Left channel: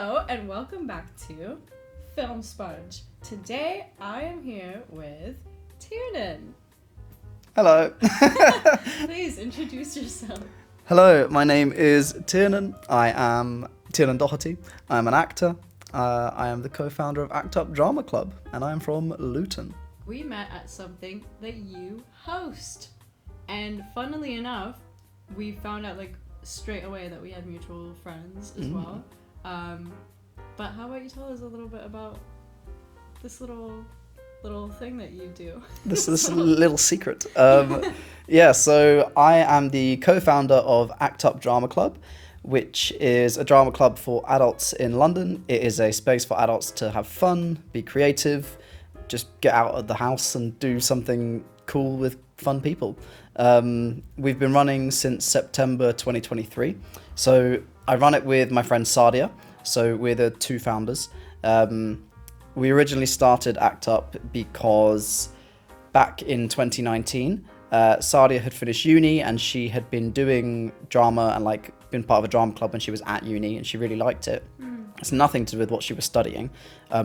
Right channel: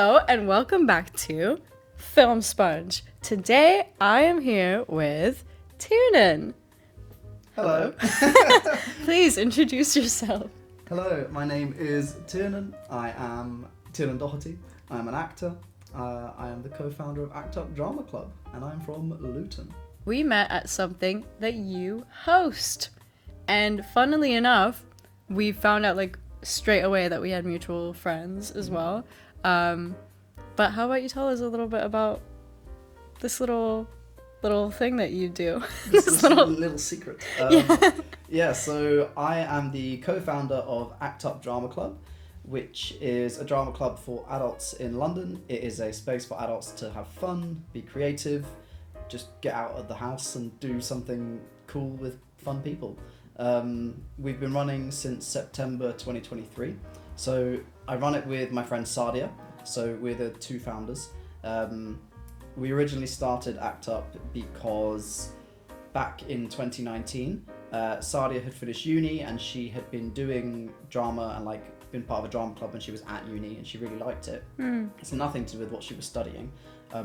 Hello and welcome back to Film Sponge. Today I am here with Tiarnan. Hello. Please introduce yourself. Hello, my name is Tiarnan. I am Tiarnan Doherty. I am an actor. I am the co-founder of Act Up Drama Club, and I am from Luton. We met at something that you host. And funnily enough, we found out straight away that we had mutual friends as well. But how about you tell us a little bit about this little thing that you do? This little secret. So I am the co-founder of Act Up Drama Club, which is a drama club for adults in London. It is a space for adults to have fun, be creative, just get out of the house and do something cool with fun people. We've been running since September 2023. So I run it with my friend Sadia. So we're the two founders. We originally started Act Up because back in 2019, Sadia had finished uni and she had been doing drama and been part of a drama club when she was at uni, and she really liked it. It's nothing to do with what she was studying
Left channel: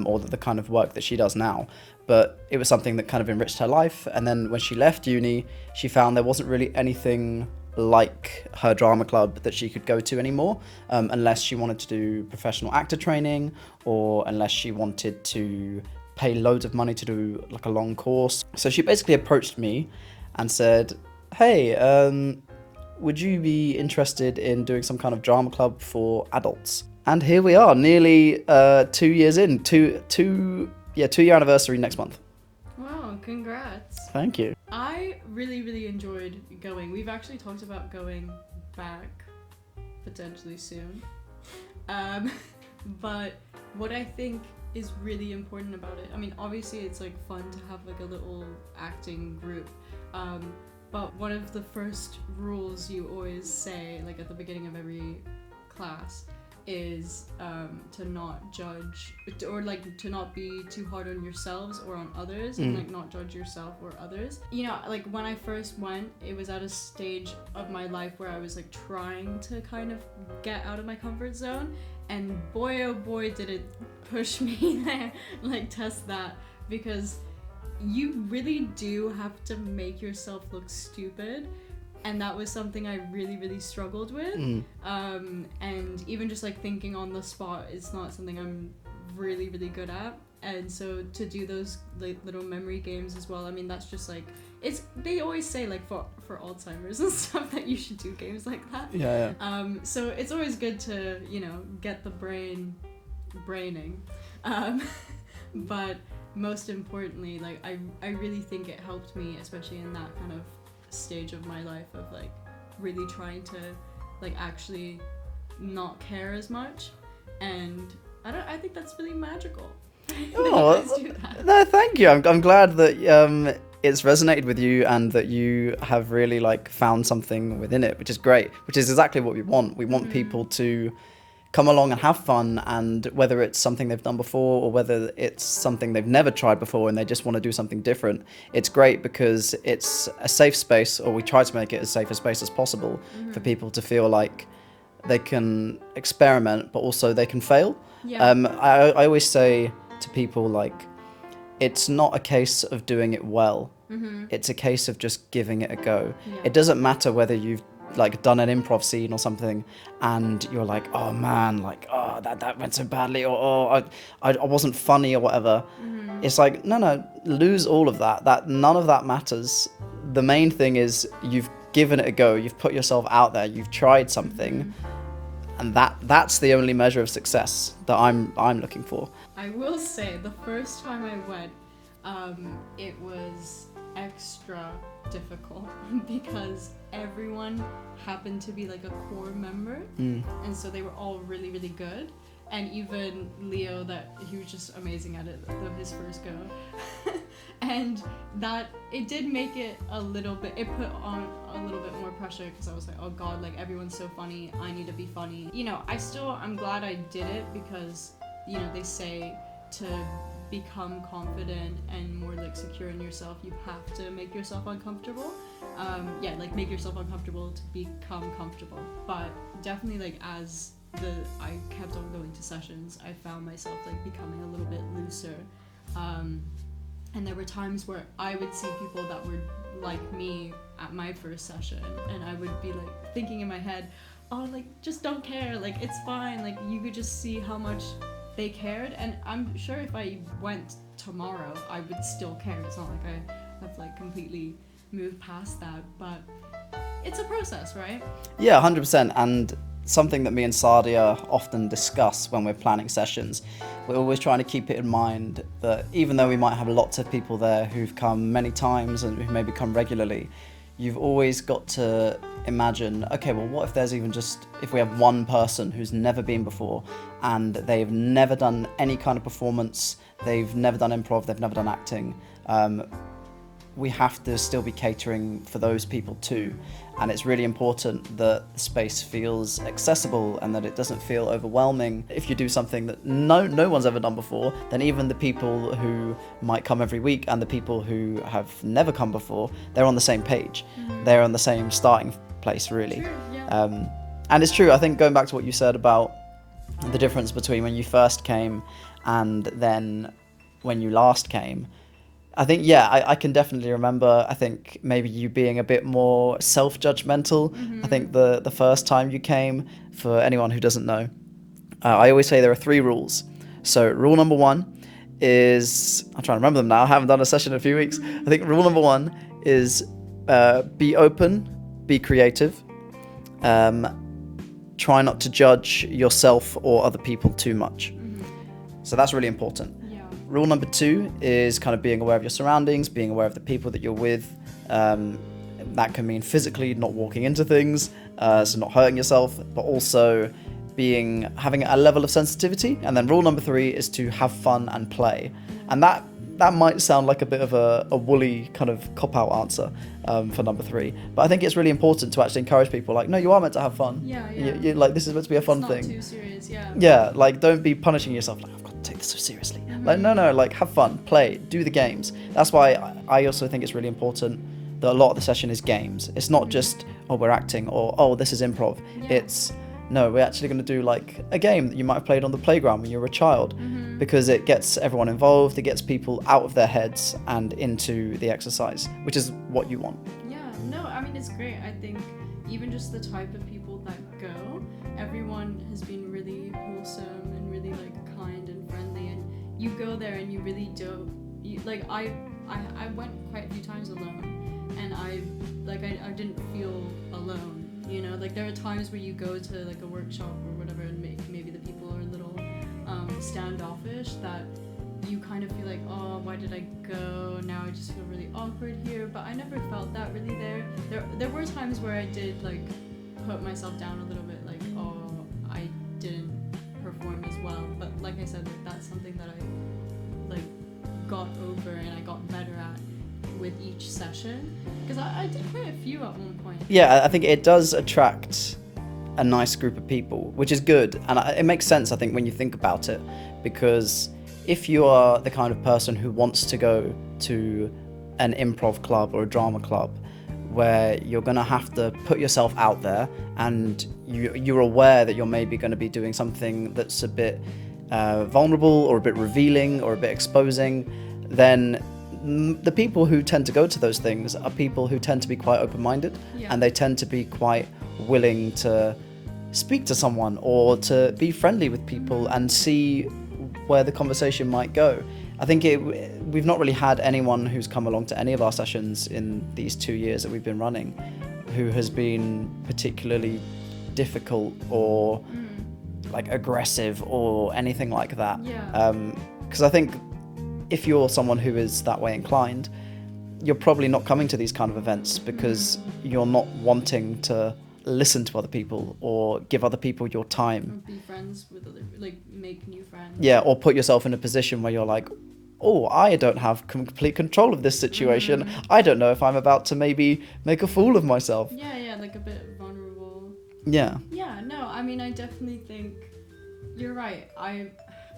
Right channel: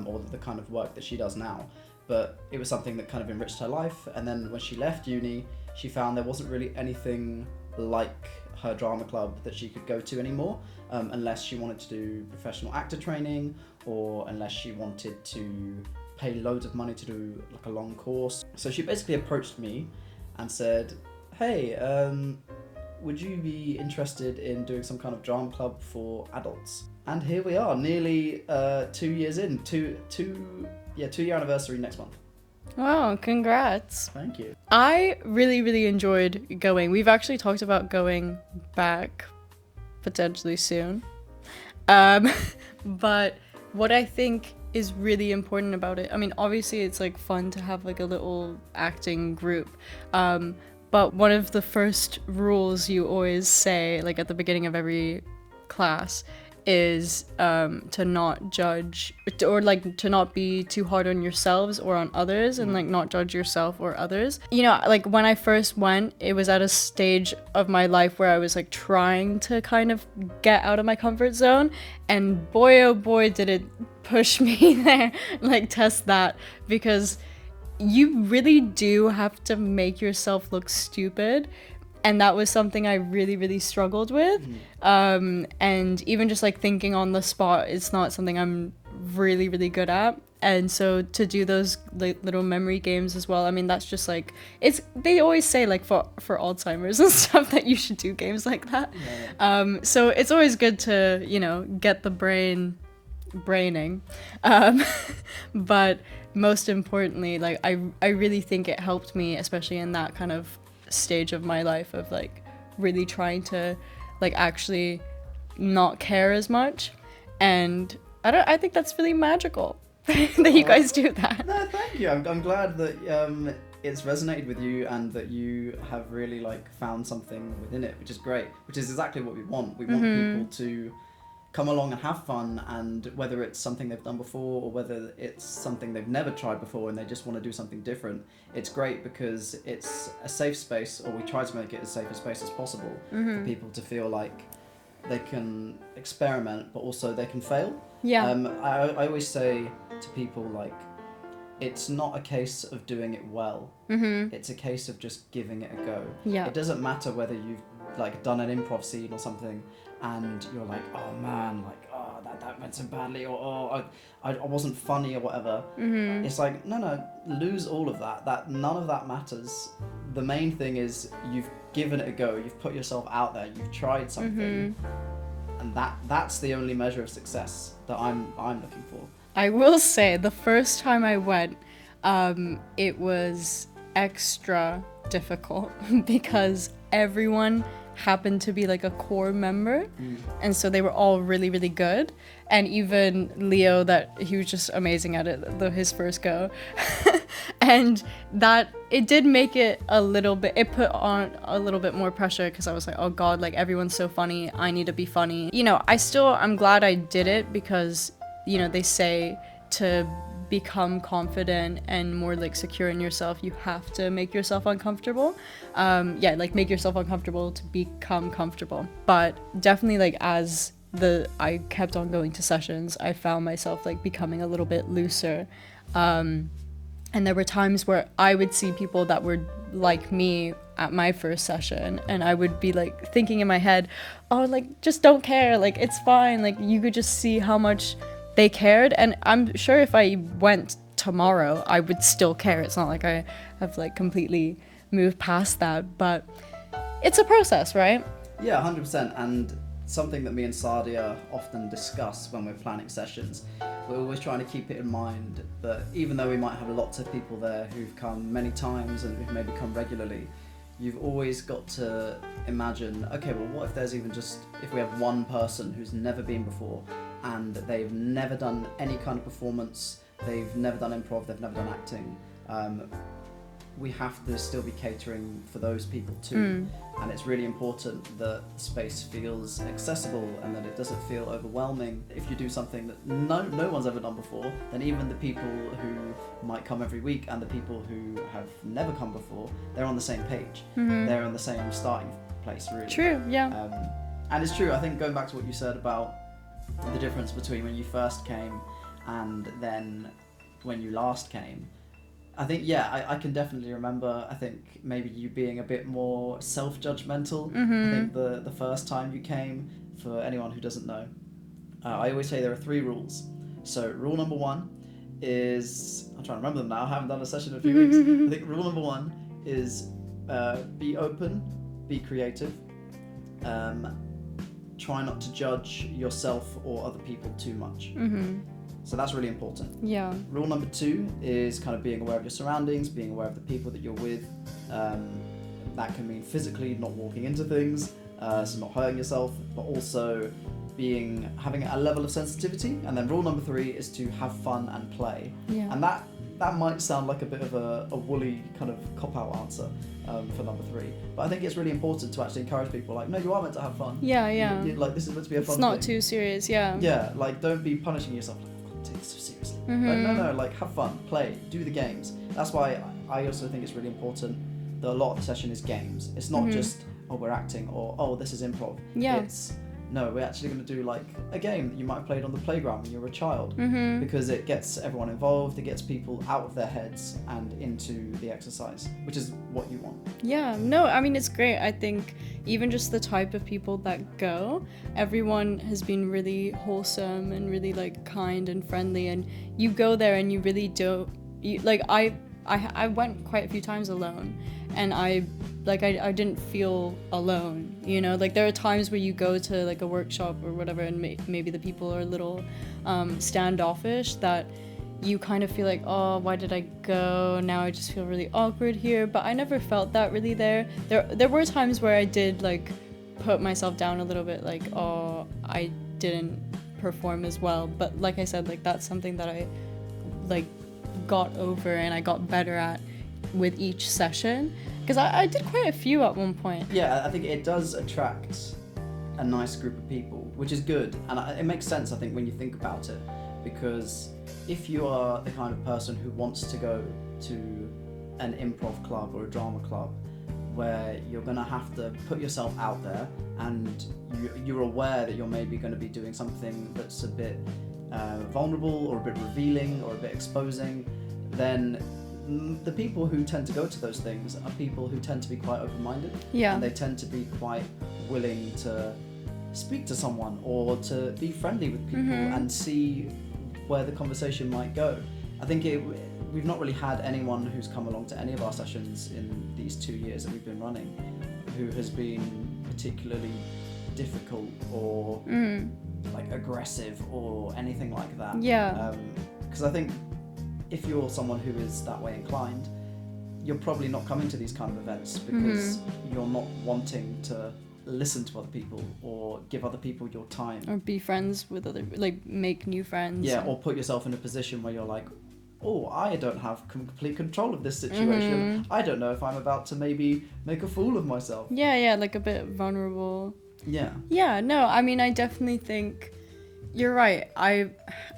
or the kind of work that she does now, but it was something that kind of enriched her life. And then when she left uni, she found there wasn't really anything like her drama club that she could go to anymore, unless she wanted to do professional actor training or unless she wanted to pay loads of money to do a long course. So she basically approached me and said, hey, would you be interested in doing some kind of drama club for adults? And here we are, nearly 2 years in, two-year anniversary next month. Wow, congrats. Thank you. I really enjoyed going. We've actually talked about going back potentially soon. But what I think is really important about it, I mean, obviously it's fun to have a little acting group. But one of the first rules you always say, at the beginning of every class, is to not judge or to not be too hard on yourselves or on others, and not judge yourself or others. When I first went, it was at a stage of my life where I was trying to kind of get out of my comfort zone, and boy oh boy did it push me there, test that, because you really do have to make yourself look stupid. And that was something I really struggled with. And even just thinking on the spot, it's not something I'm really good at. And so to do those little memory games as well, I mean, that's just they always say for Alzheimer's and stuff that you should do games like that. Yeah. So it's always good to, get the braining. But most importantly, I really think it helped me, especially in that kind of stage of my life of really trying to actually not care as much. And I think that's really magical that you guys do that. No, thank you. I'm glad that it's resonated with you and that you have really found something within it, which is great, which is exactly what we want. We want people to come along and have fun, and whether it's something they've done before or whether it's something they've never tried before and they just want to do something different, it's great because it's a safe space, or we try to make it as safe a space as possible for people to feel like they can experiment, but also they can fail. I always say to people, it's not a case of doing it well. It's a case of just giving it a go. It doesn't matter whether you've done an improv scene or something and you're oh man, that went so badly, or I wasn't funny or whatever. It's no, lose all of that none of that matters. The main thing is you've given it a go, you've put yourself out there, you've tried something, and that's the only measure of success that I'm looking for. I will say the first time I went, it was extra difficult because everyone happened to be a core member, and so they were all really good, and even Leo, that he was just amazing at it, his first go. And that it did make it a little bit, it put on a little bit more pressure, because I was oh god, everyone's so funny, I need to be funny. I'm glad I did it, because they say to become confident and more secure in yourself, you have to make yourself uncomfortable. Make yourself uncomfortable to become comfortable. But definitely as I kept on going to sessions, I found myself like becoming a little bit looser. And there were times where I would see people that were like me at my first session, and I would be like thinking in my head, oh, like, just don't care, like, it's fine. Like, you could just see how much they cared, and I'm sure if I went tomorrow, I would still care. It's not like I have like completely moved past that, but it's a process, right? Yeah, 100%. And something that me and Sadia often discuss when we're planning sessions, we're always trying to keep it in mind that even though we might have lots of people there who've come many times and who maybe come regularly, you've always got to imagine, okay, well, what if there's even just, if we have one person who's never been before and they've never done any kind of performance, they've never done improv, they've never done acting, we have to still be catering for those people too. And it's really important that the space feels accessible and that it doesn't feel overwhelming. If you do something that no one's ever done before, then even the people who might come every week and the people who have never come before, they're on the same page. They're on the same starting place, really. True, yeah. And it's true, I think, going back to what you said about the difference between when you first came and then when you last came, I think, yeah, I can definitely remember, I think maybe you being a bit more self-judgmental. I think the first time you came, for anyone who doesn't know, I always say there are 3 rules. So rule number 1 is, I'm trying to remember them now, I haven't done a session in a few weeks. I think rule number 1 is be open, be creative, try not to judge yourself or other people too much. So that's really important. Yeah. Rule number 2 is kind of being aware of your surroundings, being aware of the people that you're with. That can mean physically not walking into things, so not hurting yourself, but also having a level of sensitivity. And then rule number 3 is to have fun and play. Yeah. And that might sound like a bit of a woolly kind of cop-out answer for number 3, but I think it's really important to actually encourage people, like, no, you are meant to have fun. Yeah. Like, this is meant to be a fun thing. It's not too serious, yeah. Yeah, like, don't be punishing yourself, like, I've got to take this so seriously. Like, no, like, have fun, play, do the games. That's why I also think it's really important that a lot of the session is games. It's not just, oh, we're acting, or, oh, this is improv. Yeah. It's, no, we're actually going to do like a game that you might have played on the playground when you were a child, because it gets everyone involved, it gets people out of their heads and into the exercise, which is what you want. Yeah, no, I mean, it's great. I think even just the type of people that go, everyone has been really wholesome and really like kind and friendly, and you go there and you really do, I went quite a few times alone, and I didn't feel alone. You know, like, there are times where you go to like a workshop or whatever, and maybe the people are a little standoffish, that you kind of feel like, oh, why did I go? Now I just feel really awkward here. But I never felt that really there. There were times where I did like put myself down a little bit, like, oh, I didn't perform as well. But like I said, like, that's something that I like got over and I got better at with each session, because I did quite a few at one point. Yeah, I think it does attract a nice group of people, which is good, and it makes sense, I think, when you think about it, because if you are the kind of person who wants to go to an improv club or a drama club where you're going to have to put yourself out there, and you're aware that you're maybe going to be doing something that's a bit vulnerable or a bit revealing or a bit exposing, then the people who tend to go to those things are people who tend to be quite open-minded, and they tend to be quite willing to speak to someone or to be friendly with people and see where the conversation might go. I think we've not really had anyone who's come along to any of our sessions in these 2 years that we've been running who has been particularly difficult or like aggressive or anything like that. Because I think if you're someone who is that way inclined, you're probably not coming to these kind of events because you're not wanting to listen to other people or give other people your time. Or be friends with other, like, make new friends. Yeah, or put yourself in a position where you're like, oh, I don't have complete control of this situation. I don't know if I'm about to maybe make a fool of myself. Yeah, like a bit vulnerable. Yeah. Yeah, no, I mean, I definitely think you're right.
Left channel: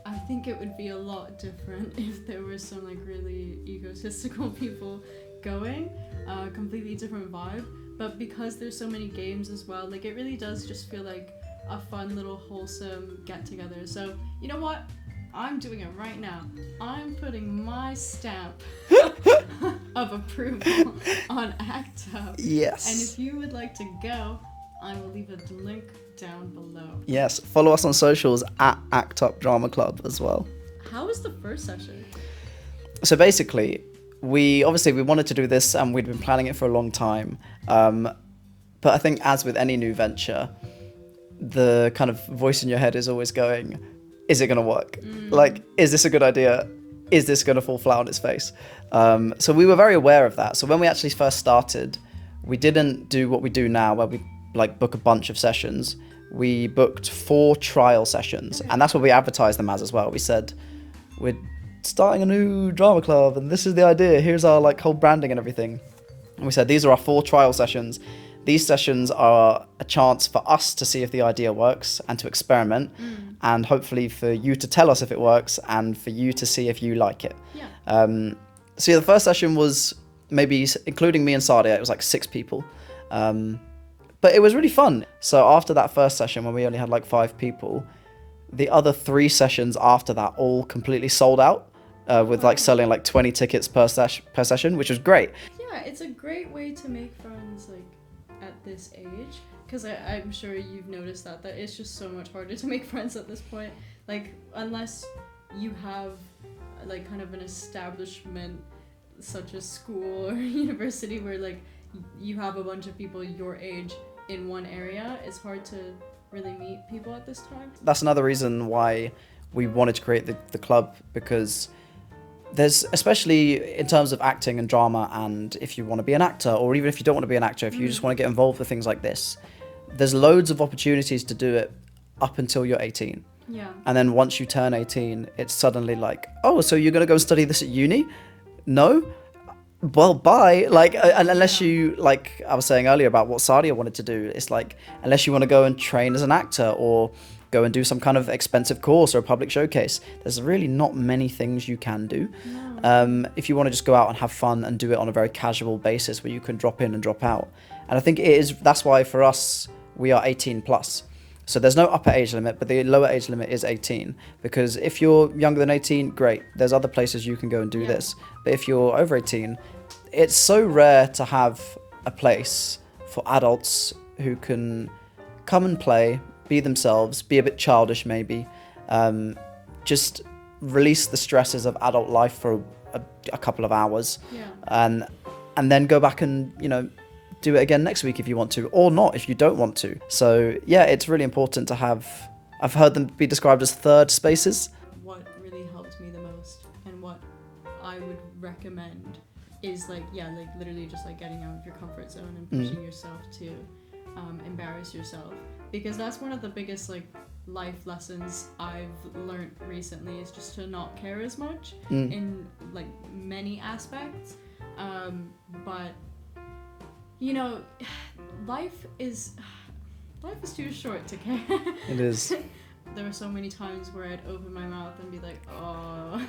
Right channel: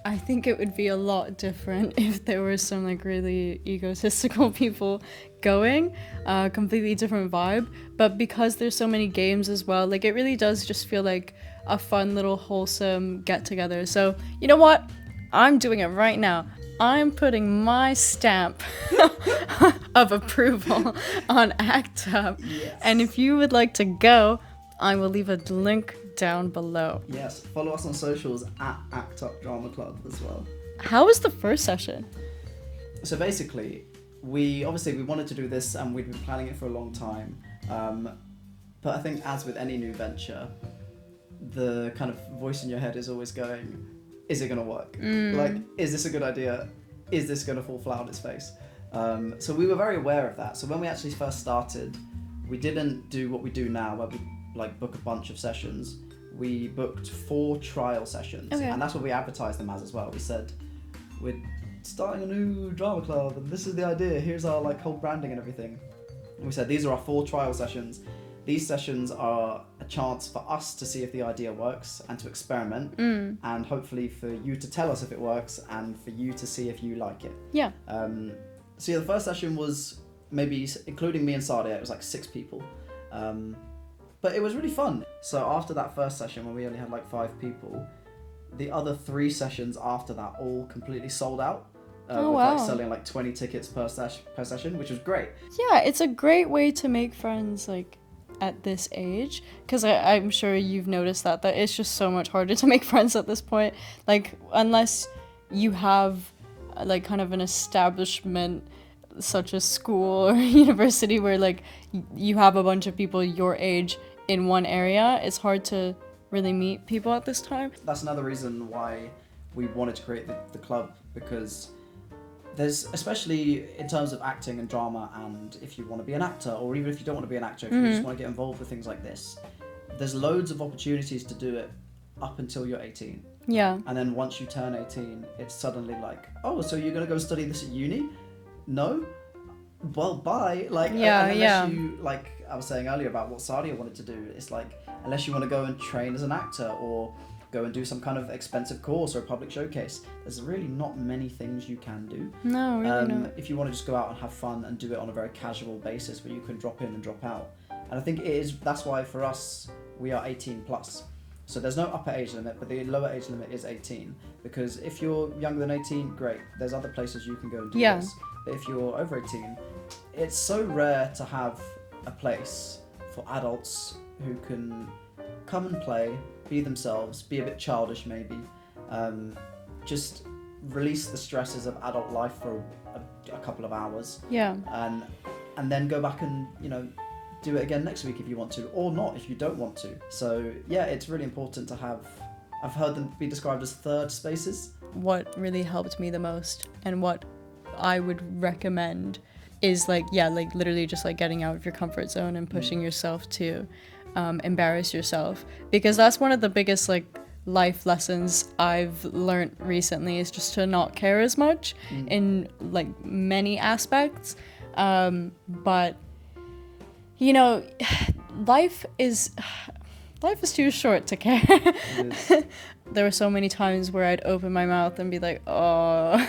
I think it would be a lot different if there were some like really egotistical people going, completely different vibe. But because there's so many games as well, like, it really does just feel like a fun little wholesome get together. So you know what? I'm doing it right now. I'm putting my stamp of approval on ACT UP. Yes. And if you would like to go, I will leave a link down below. Yes, follow us on socials at ACT UP Drama Club as well. How was the first session? So basically, we wanted to do this and we'd been planning it for a long time. But I think as with any new venture, the kind of voice in your head is always going, is it going to work? Like, is this a good idea? Is this going to fall flat on its face? So we were very aware of that. So when we actually first started, we didn't do what we do now where we like book a bunch of sessions. We booked 4 trial sessions, and that's what we advertised them as well. We said, we're starting a new drama club and this is the idea. Here's our like whole branding and everything. And we said, these are our 4 trial sessions. These sessions are a chance for us to see if the idea works and to experiment, and hopefully for you to tell us if it works and for you to see if you like it. Yeah. So yeah, the first session was maybe, including me and Sadia, it was like 6 people. But it was really fun. So after that first session, when we only had like 5 people, the other 3 sessions after that all completely sold out. With like selling like 20 tickets per session, which was great. Yeah, it's a great way to make friends like at this age, because I'm sure you've noticed that it's just so much harder to make friends at this point, like unless you have like kind of an establishment such as school or university where like you have a bunch of people your age in one area. It's hard to really meet people at this time. That's another reason why we wanted to create the club, because there's, especially in terms of acting and drama, and if you want to be an actor, or even if you don't want to be an actor, if you just want to get involved with things like this, there's loads of opportunities to do it up until you're 18. Yeah. And then once you turn 18, it's suddenly like, oh, so you're going to go and study this at uni? No? Well, bye. Like, and unless you, like I was saying earlier about what Sadia wanted to do, it's like, unless you want to go and train as an actor or go and do some kind of expensive course or a public showcase, there's really not many things you can do. No, really not. If you want to just go out and have fun and do it on a very casual basis where you can drop in and drop out. And I think that's why for us, we are 18 plus. So there's no upper age limit, but the lower age limit is 18. Because if you're younger than 18, great. There's other places you can go and do this. But if you're over 18, it's so rare to have a place for adults who can come and play, be themselves, be a bit childish maybe, just release the stresses of adult life for a couple of hours. Yeah. And then go back and, do it again next week if you want to, or not if you don't want to. So yeah, it's really important to have, I've heard them be described as third spaces. What really helped me the most and what I would recommend is literally just like getting out of your comfort zone and pushing yourself to embarrass yourself, because that's one of the biggest like life lessons I've learned recently, is just to not care as much in like many aspects, but life is too short to care. It is. There were so many times where I'd open my mouth and be like, oh,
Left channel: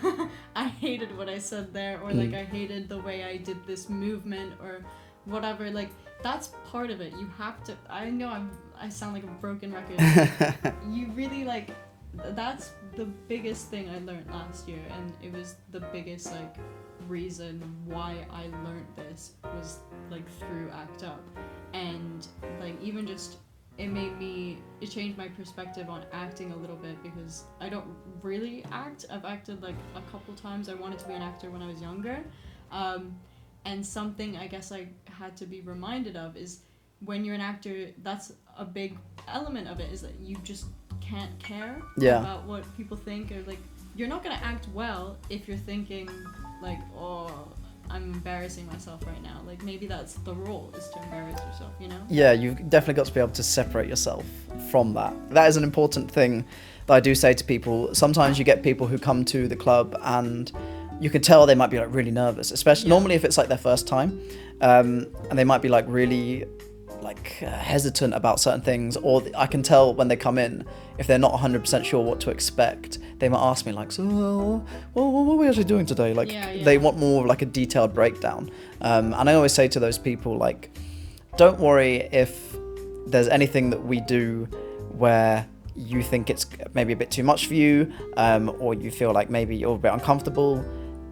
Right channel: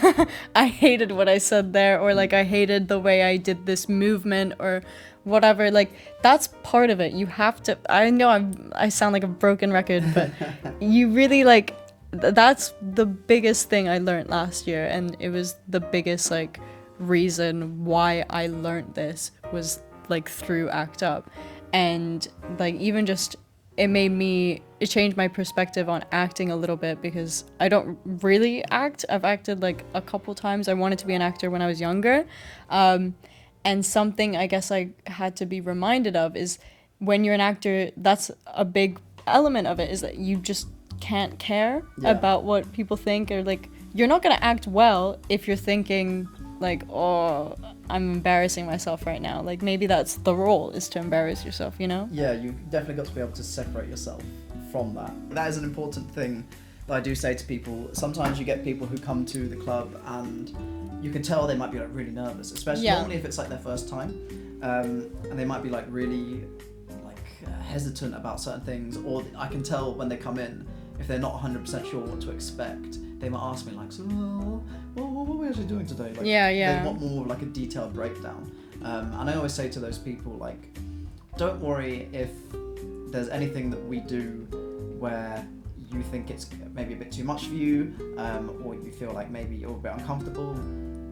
I hated what I said there, or like I hated the way I did this movement or whatever. Like, that's part of it. You have to, I know I sound like a broken record, but you really like, that's the biggest thing I learned last year, and it was the biggest like reason why I learned this was like through ACT UP. And like even just it changed my perspective on acting a little bit, because I don't really act. I've acted like a couple times. I wanted to be an actor when I was younger, and something I guess I had to be reminded of is when you're an actor, that's a big element of it, is that you just can't care about what people think, or like you're not gonna act well if you're thinking like, oh, I'm embarrassing myself right now. Like maybe that's the role, is to embarrass yourself, Yeah, you've definitely got to be able to separate yourself from that. That is an important thing that I do say to people. Sometimes you get people who come to the club and you can tell they might be like really nervous, especially normally if it's like their first time, and they might be like really hesitant about certain things, or I can tell when they come in, if they're not 100% sure what to expect, they might ask me like, so what are we actually doing today? Like they want more of like a detailed breakdown, and I always say to those people, like, don't worry if there's anything that we do where you think it's maybe a bit too much for you, or you feel like maybe you're a bit uncomfortable.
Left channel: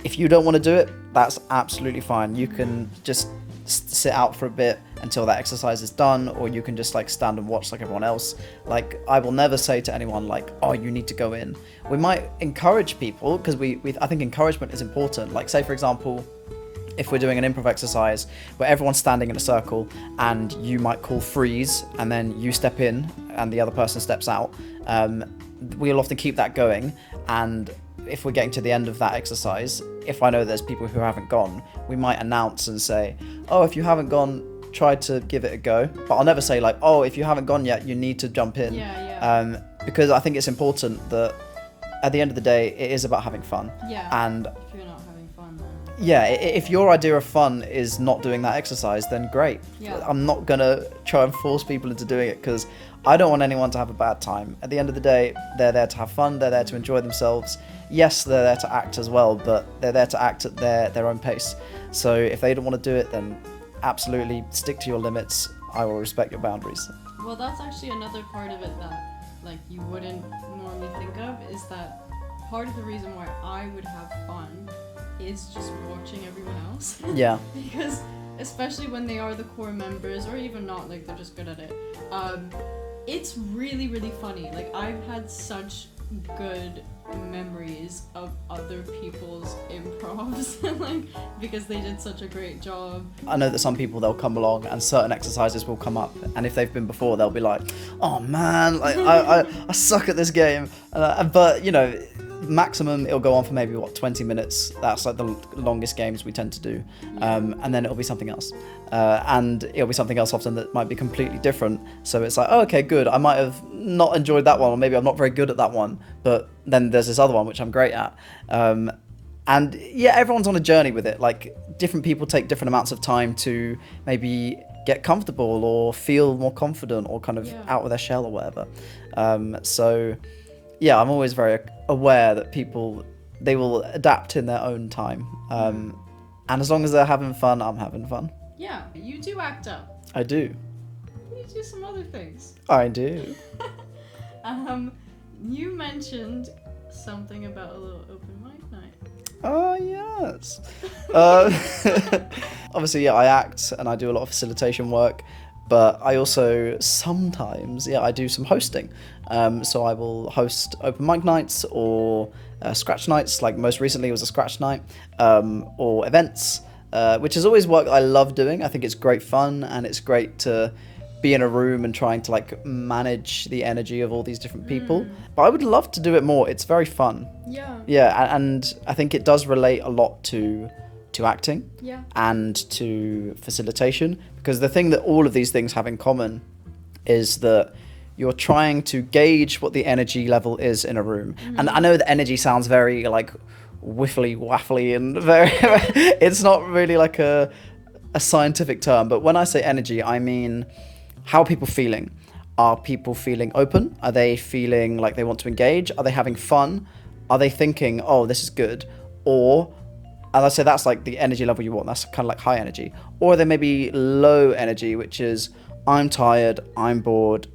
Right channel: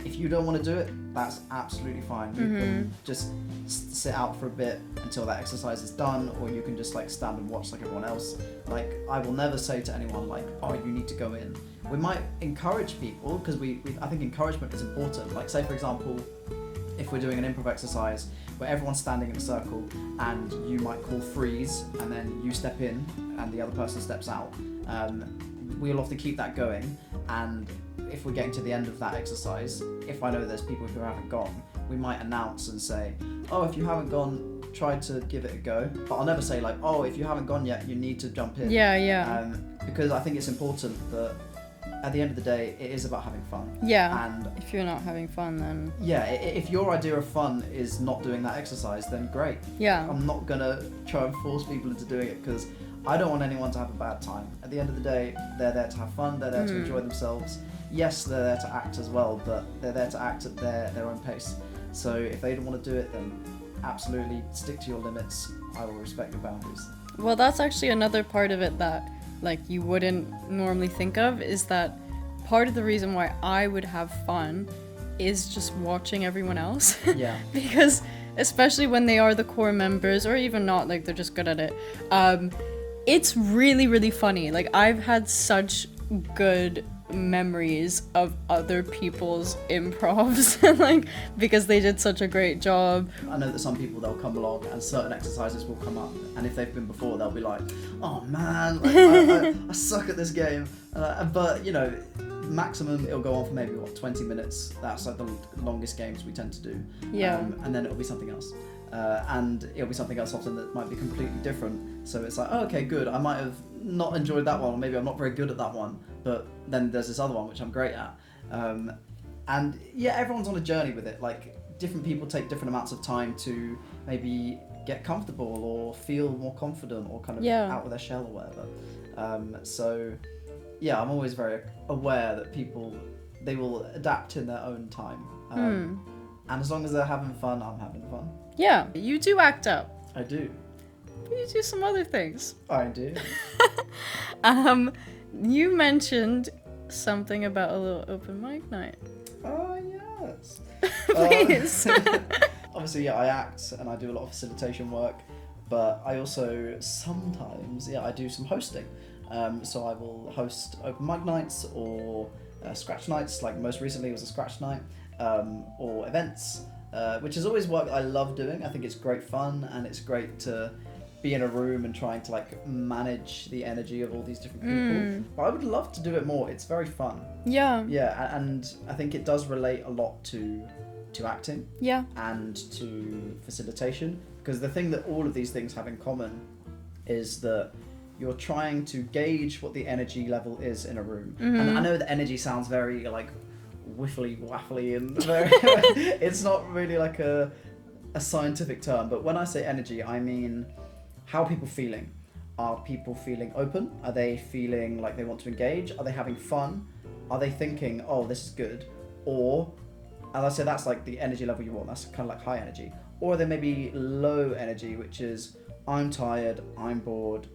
If you don't want to do it, that's absolutely fine. You can just sit out for a bit until that exercise is done, or you can just like stand and watch like everyone else. Like, I will never say to anyone like, oh, you need to go in. We might encourage people, because I think encouragement is important. Like, say for example, if we're doing an improv exercise where everyone's standing in a circle and you might call freeze and then you step in and the other person steps out, we'll often keep that going. And if we're getting to the end of that exercise, if I know there's people who haven't gone, we might announce and say, oh, if you haven't gone, try to give it a go. But I'll never say like, oh, if you haven't gone yet, you need to jump in. Because I think it's important that at the end of the day, it is about having fun. Yeah. And if you're not having fun, then yeah, if your idea of fun is not doing that exercise, then great. Yeah. I'm not gonna try and force people into doing it, because I don't want anyone to have a bad time. At the end of the day, they're there to have fun. They're there to enjoy themselves. Yes, they're there to act as well, but they're there to act at their own pace. So if they don't want to do it, then absolutely stick to your limits. I will respect your boundaries. Well, that's actually another part of it that like you wouldn't normally think of, is that part of the reason why I would have fun is just watching everyone else. Yeah. Because especially when they are the core members, or even not, like they're just good at it, it's really, really funny. Like, I've had such good memories of other people's improvs, like, because they did such a great job. I know that some people, they'll come along and certain exercises will come up, and if they've been before, they'll be like, oh man, like I suck at this game, but you know, maximum it'll go on for maybe 20 minutes. That's like the longest games we tend to do. And then it'll be something else, and it'll be something else often that might be completely different. So it's like, oh, okay, good, I might have not enjoyed that one, or maybe I'm not very good at that one, but then there's this other one which I'm great at. And yeah, everyone's on a journey with it. Like, different people take different amounts of time to maybe get comfortable or feel more confident, or kind of out of their shell or whatever. So yeah, I'm always very aware that people, they will adapt in their own time. And as long as they're having fun, I'm having fun. Yeah, you do act out. I do. You do some other things. I do. You mentioned something about a little open mic night. Oh, yes. Obviously, yeah, I act and I do a lot of facilitation work, but I also sometimes, I do some hosting. So I will host open mic nights, or scratch nights, like most recently it was a scratch night, or events, which is always work I love doing. I think it's great fun, and it's great to be in a room and trying to like manage the energy of all these different people. But I would love to do it more. It's very fun. Yeah, and I think it does relate a lot to acting and to facilitation, because the thing that all of these things have in common is that you're trying to gauge what the energy level is in a room. And I know that energy sounds very like whiffly waffly and very it's not really like a scientific term, but when I say energy, I mean, how are people feeling? Are people feeling open? Are they feeling like they want to engage? Are they having fun? Are they thinking, oh, this is good? Or, and I say that's like the energy level you want, that's kind of like high energy. Or they may be low energy, which is, I'm tired, I'm bored,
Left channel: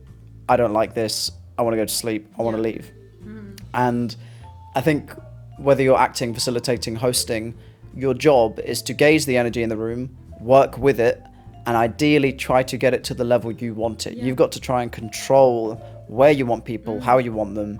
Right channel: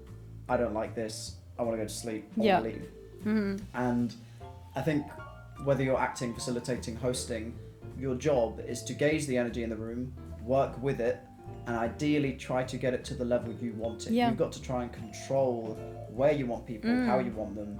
I don't like this, I want to go to sleep, I want to leave. And I think whether you're acting, facilitating, hosting, your job is to gauge the energy in the room, work with it, and ideally try to get it to the level you want it. You've got to try and control where you want people, how you want them,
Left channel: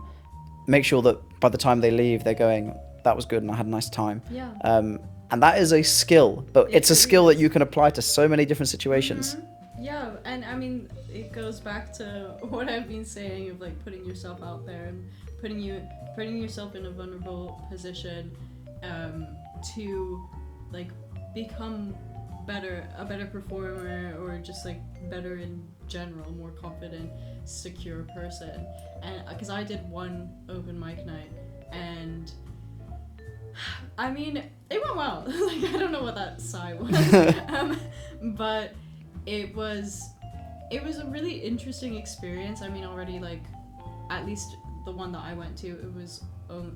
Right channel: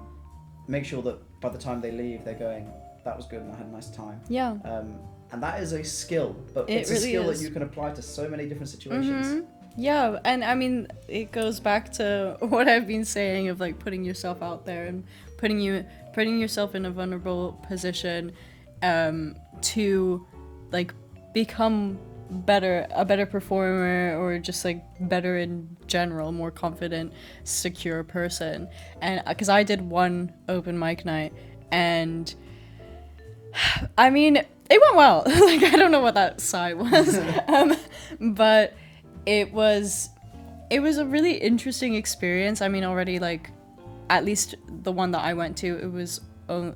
make sure that by the time they leave, they're going, that was good and I had a nice time. And that is a skill, but it's a really skill that you can apply to so many different situations. Yeah, and I mean, it goes back to what I've been saying of like putting yourself out there and putting yourself in a vulnerable position, to like become a better performer, or just like better in general, more confident, secure person. And because I did one open mic night, and I mean, it went well. Like, I don't know what that sigh was, but it was a really interesting experience. I mean, already, like, at least the one that I went to, it was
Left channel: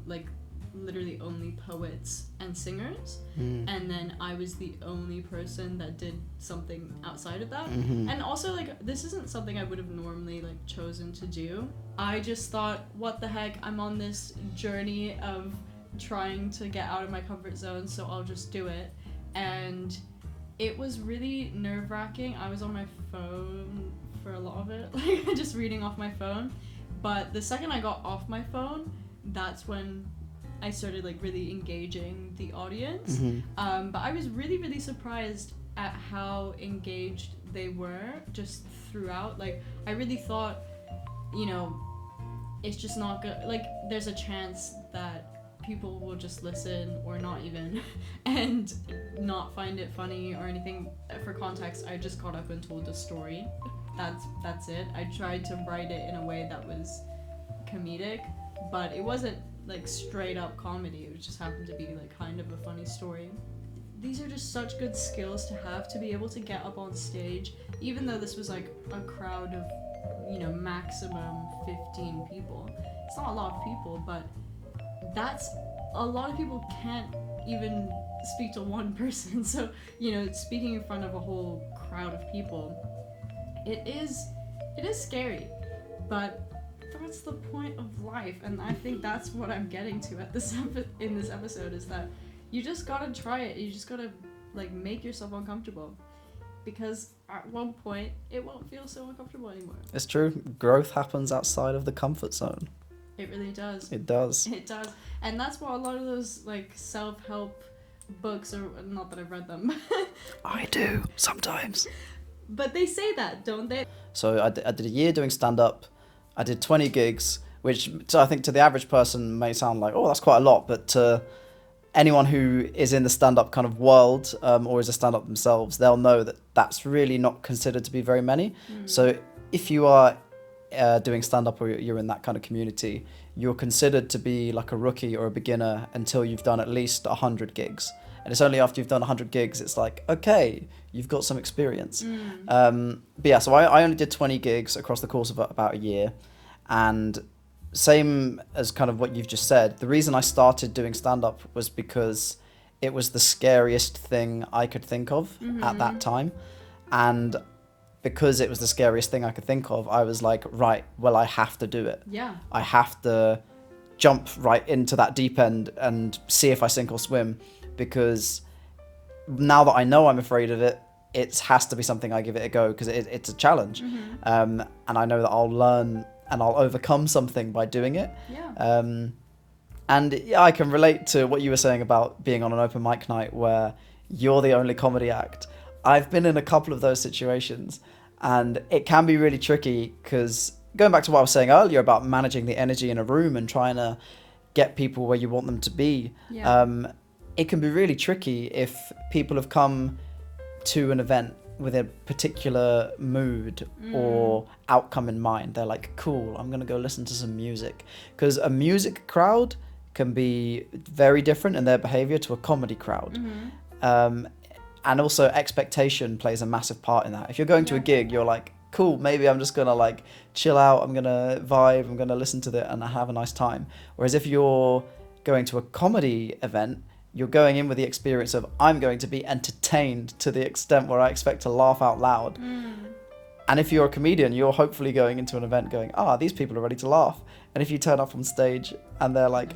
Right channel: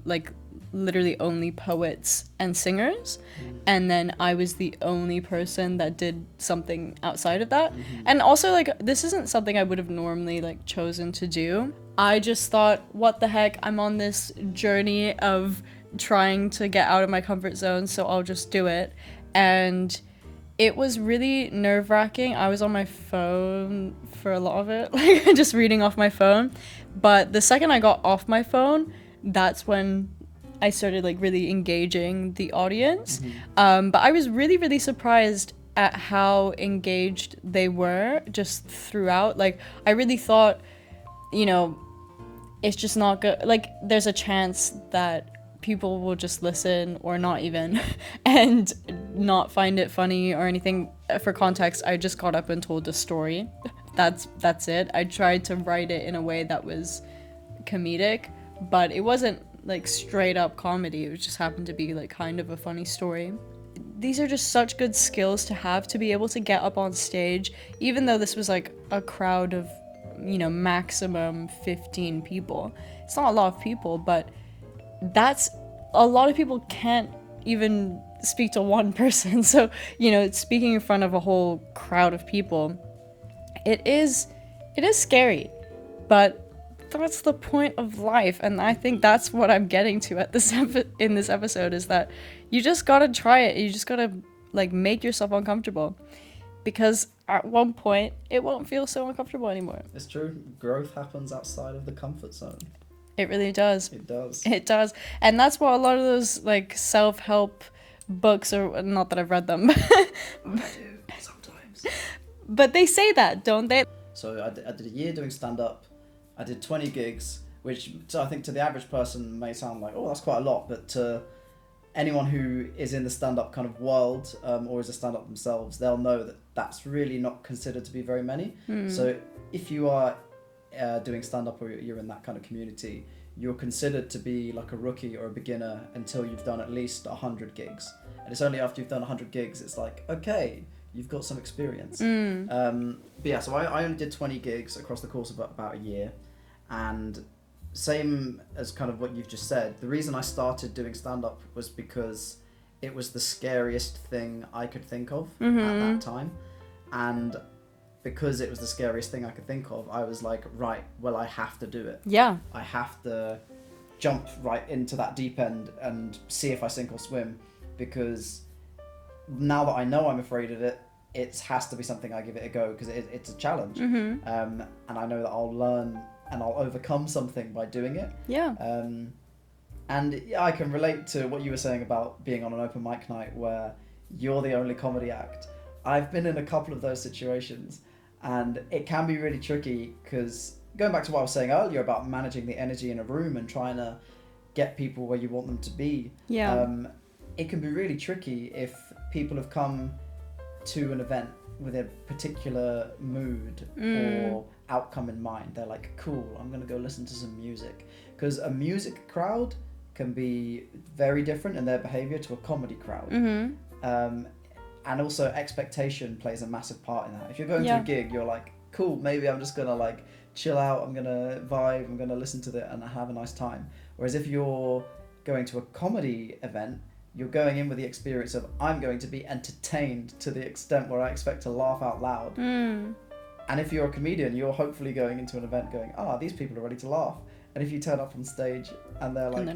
like literally only poets and singers, and then I was the only person that did something outside of that. And also, like, this isn't something I would have normally like chosen to do. I just thought, what the heck, I'm on this journey of trying to get out of my comfort zone, so I'll just do it. And it was really nerve-wracking. I was on my phone for a lot of it, like just reading off my phone. But the second I got off my phone, that's when I started like really engaging the audience. But I was really, really surprised at how engaged they were just throughout. Like, I really thought, you know, it's just not good. Like, there's a chance that people will just listen or not even and not find it funny or anything. For context, I just got up and told a story. That's it. I tried to write it in a way that was comedic, but it wasn't like straight up comedy. It just happened to be like kind of a funny story. These are just such good skills to have, to be able to get up on stage, even though this was like a crowd of, you know, maximum 15 people. It's not a lot of people, but that's a lot of people can't even speak to one person. So, you know, speaking in front of a whole crowd of people, it is scary, but that's the point of life. And I think that's what I'm getting to at this in this episode, is that you just gotta try it. You just gotta like make yourself uncomfortable, because at one point it won't feel so uncomfortable anymore. It's true. Growth happens outside of the comfort zone. It really does. It does. It does. And that's what a lot of those like self-help books, or not that I've read them. I do sometimes. But they say that, don't they? So I did a year doing stand-up. I did 20 gigs, which I think to the average person may sound like, oh, that's quite a lot. But to anyone who is in the stand-up kind of world, or is a stand-up themselves, they'll know that that's really not considered to be very many. So if you are doing stand-up, or you're in that kind of community, you're considered to be like a rookie or a beginner until you've done at least 100 gigs. And it's only after you've done 100 gigs, it's like, okay, you've got some experience. But yeah, so I only did 20 gigs across the course of about a year. And same as kind of what you've just said, the reason I started doing stand-up was because it was the scariest thing I could think of at that time. And because it was the scariest thing I could think of, I was like, right, well, I have to do it. Yeah. I have to jump right into that deep end and see if I sink or swim, because now that I know I'm afraid of it, it has to be something I give it a go, because it's a challenge. And I know that I'll learn and I'll overcome something by doing it. Yeah. And yeah, I can relate to what you were saying about being on an open mic night where you're the only comedy act. I've been in a couple of those situations, and it can be really tricky, because going back to what I was saying earlier about managing the energy in a room and trying to get people where you want them to be, it can be really tricky if people have come to an event with a particular mood or outcome in mind. They're like, cool, I'm going to go listen to some music. Because a music crowd can be very different in their behavior to a comedy crowd. And also expectation plays a massive part in that. If you're going to a gig, you're like, cool, maybe I'm just going to like chill out, I'm going to vibe, I'm going to listen to it and have a nice time. Whereas if you're going to a comedy event, you're going in with the experience of, I'm going to be entertained to the extent where I expect to laugh out loud. And if you're a comedian, you're hopefully going into an event going, these people are ready to laugh. And if you turn up on stage and they're like,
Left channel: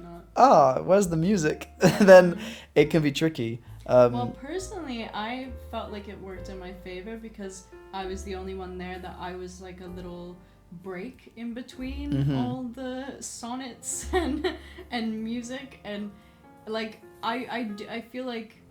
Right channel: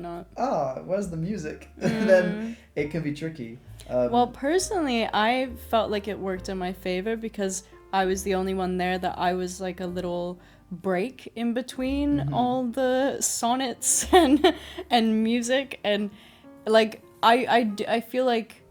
where's the music? Then it can be tricky. Well, personally, I felt like it worked in my favor, because I was the only one there that I was like a little break in between all the sonnets and music. And like, I feel like,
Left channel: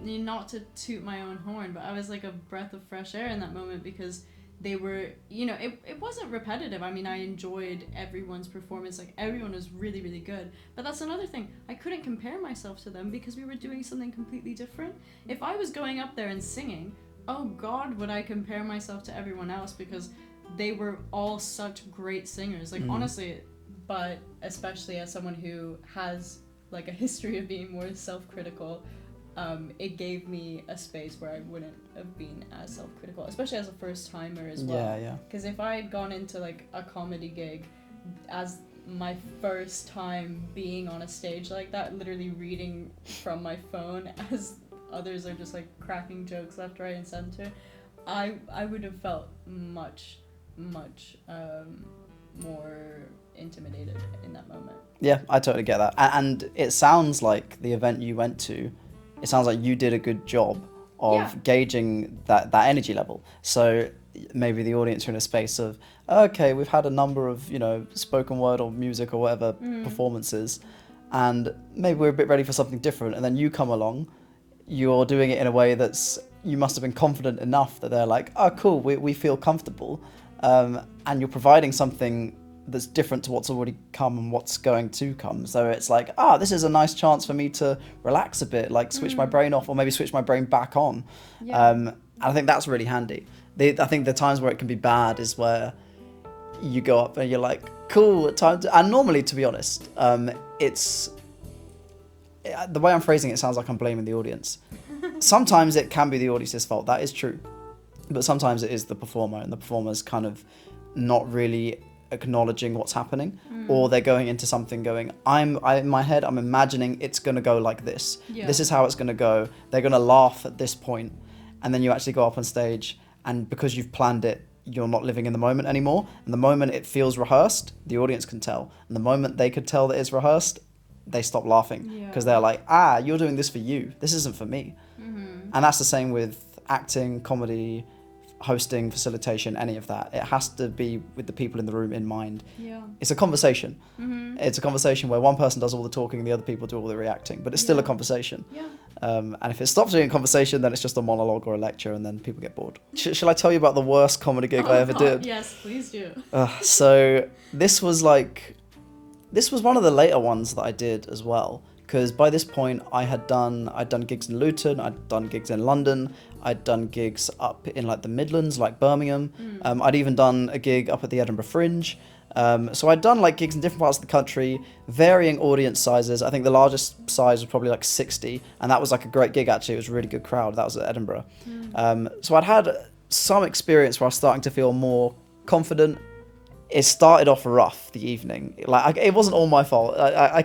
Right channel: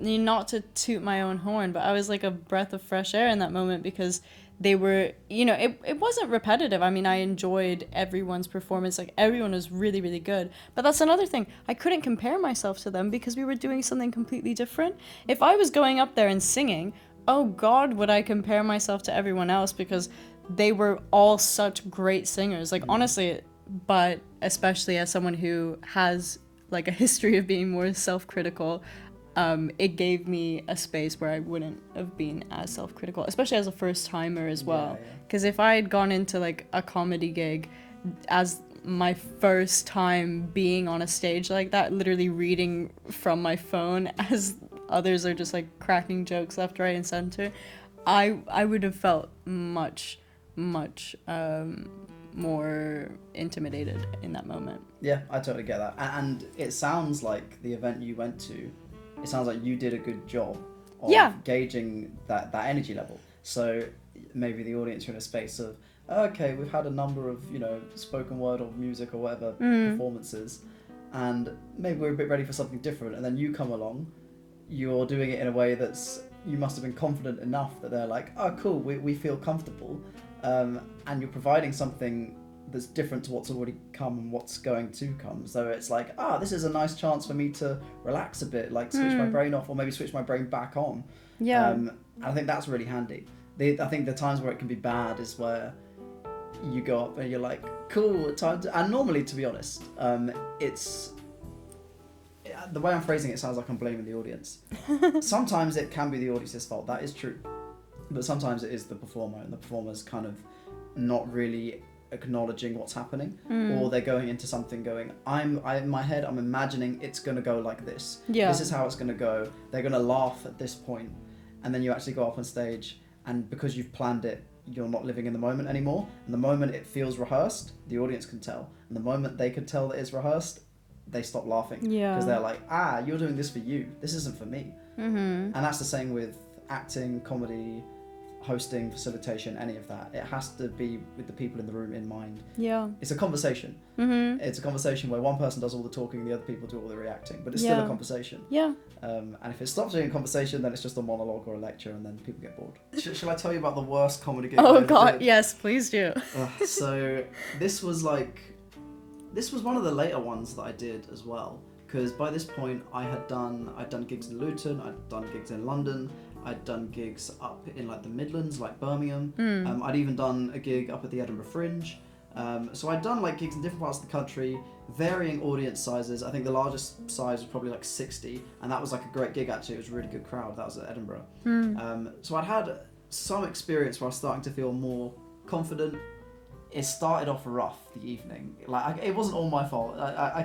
not to toot my own horn, but I was like a breath of fresh air in that moment, because they were, you know, it wasn't repetitive. I mean, I enjoyed everyone's performance. Like, everyone was really, really good. But that's another thing. I couldn't compare myself to them because we were doing something completely different. If I was going up there and singing, oh God, would I compare myself to everyone else, because they were all such great singers. Like, honestly, but especially as someone who has like a history of being more self-critical, it gave me a space where I wouldn't have been as self-critical, especially as a first timer as well. Because if I had gone into like a comedy gig as my first time being on a stage like that, literally reading from my phone as others are just like cracking jokes left, right, and center, I would have felt much more intimidated in that moment. Yeah, I totally get that. And it sounds like the event you went to, it sounds like you did a good job of gauging that energy level. So maybe the audience are in a space of, okay, we've had a number of, spoken word or music or whatever performances, and maybe we're a bit ready for something different. And then you come along, you're doing it in a way you must have been confident enough that they're like, oh, cool, we feel comfortable. And you're providing something that's different to what's already come and what's going to come. So it's like, this is a nice chance for me to relax a bit, like switch my brain off, or maybe switch my brain back on. Yeah. And I think that's really handy. I think the times where it can be bad is where you go up and you're like, cool, and normally, to be honest, it's the way I'm phrasing it sounds like I'm blaming the audience. Sometimes it can be the audience's fault, that is true. But sometimes it is the performer, and the performer's kind of not really acknowledging what's happening, or they're going into something going, in my head, I'm imagining it's going to go like this. Yeah. This is how it's going to go. They're going to laugh at this point, and then you actually go up on stage, and because you've planned it, you're not living in the moment anymore. And the moment it feels rehearsed, the audience can tell. And the moment they could tell that it's rehearsed, they stop laughing. Yeah. Because they're like, you're doing this for you. This isn't for me. And that's the same with acting, comedy, hosting, facilitation, any of that. It has to be with the people in the room in mind. Yeah. It's a conversation. It's a conversation where one person does all the talking, the other people do all the reacting, but it's still a conversation. Yeah. And if it stops being a conversation, then it's just a monologue or a lecture, and then people get bored. Shall I tell you about the worst comedy gig I ever did? Yes, please do. So this was one of the later ones that I did as well, because by this point I'd done gigs in Luton, I'd done gigs in London, I'd done gigs up in like the Midlands, like Birmingham. I'd even done a gig up at the Edinburgh Fringe. So I'd done like gigs in different parts of the country, varying audience sizes. I think the largest size was probably like 60, and that was like a great gig actually. It was a really good crowd. That was at Edinburgh. So I'd had some experience where I was starting to feel more confident. It started off rough the evening. It wasn't all my fault,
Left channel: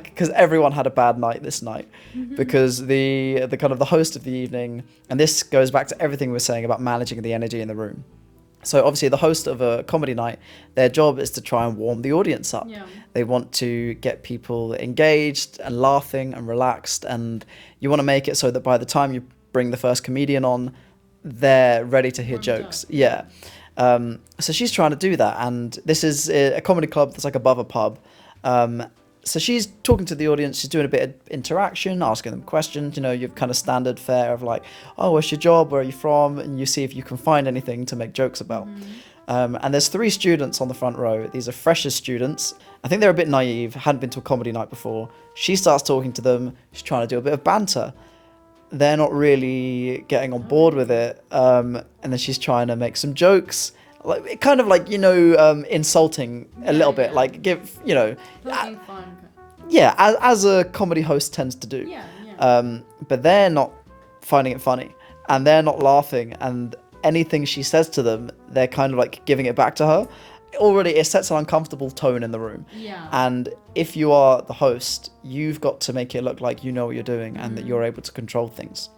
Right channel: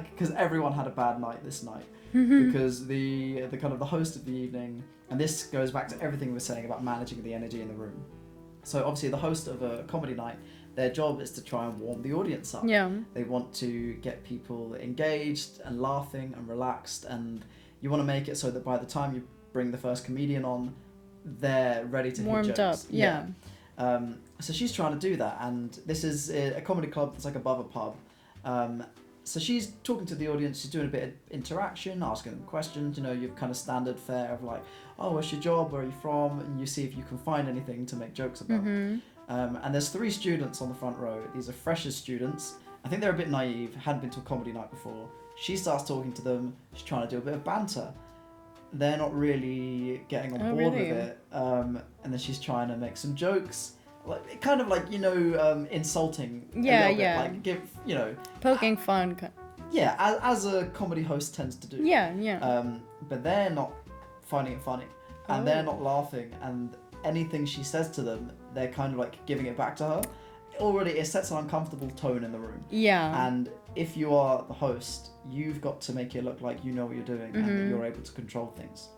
because everyone had a bad night this night. Because the kind of the host of the evening, and this goes back to everything we were saying about managing the energy in the room. So obviously the host of a comedy night, their job is to try and warm the audience up. Yeah. They want to get people engaged and laughing and relaxed, and you want to make it so that by the time you bring the first comedian on, they're ready to hear Warmed jokes. up, Yeah. So she's trying to do that, and this is a comedy club that's like above a pub. So she's talking to the audience, she's doing a bit of interaction, asking them questions, your kind of standard fare of like, oh, what's your job, where are you from, and you see if you can find anything to make jokes about. And there's 3 students on the front row. These are freshers students. I think they're a bit naive, hadn't been to a comedy night before. She starts talking to them, she's trying to do a bit of banter. They're not really getting on board with it, and then she's trying to make some jokes, like kind of like insulting a little bit, like give poking fun. Yeah, as a comedy host tends to do. Yeah. But they're not finding it funny, and they're not laughing, and anything she says to them, they're kind of like giving it back to her. Already, it sets an uncomfortable tone in the room. Yeah. And if you are the host, you've got to make it look like you know what you're doing and that you're able to control things.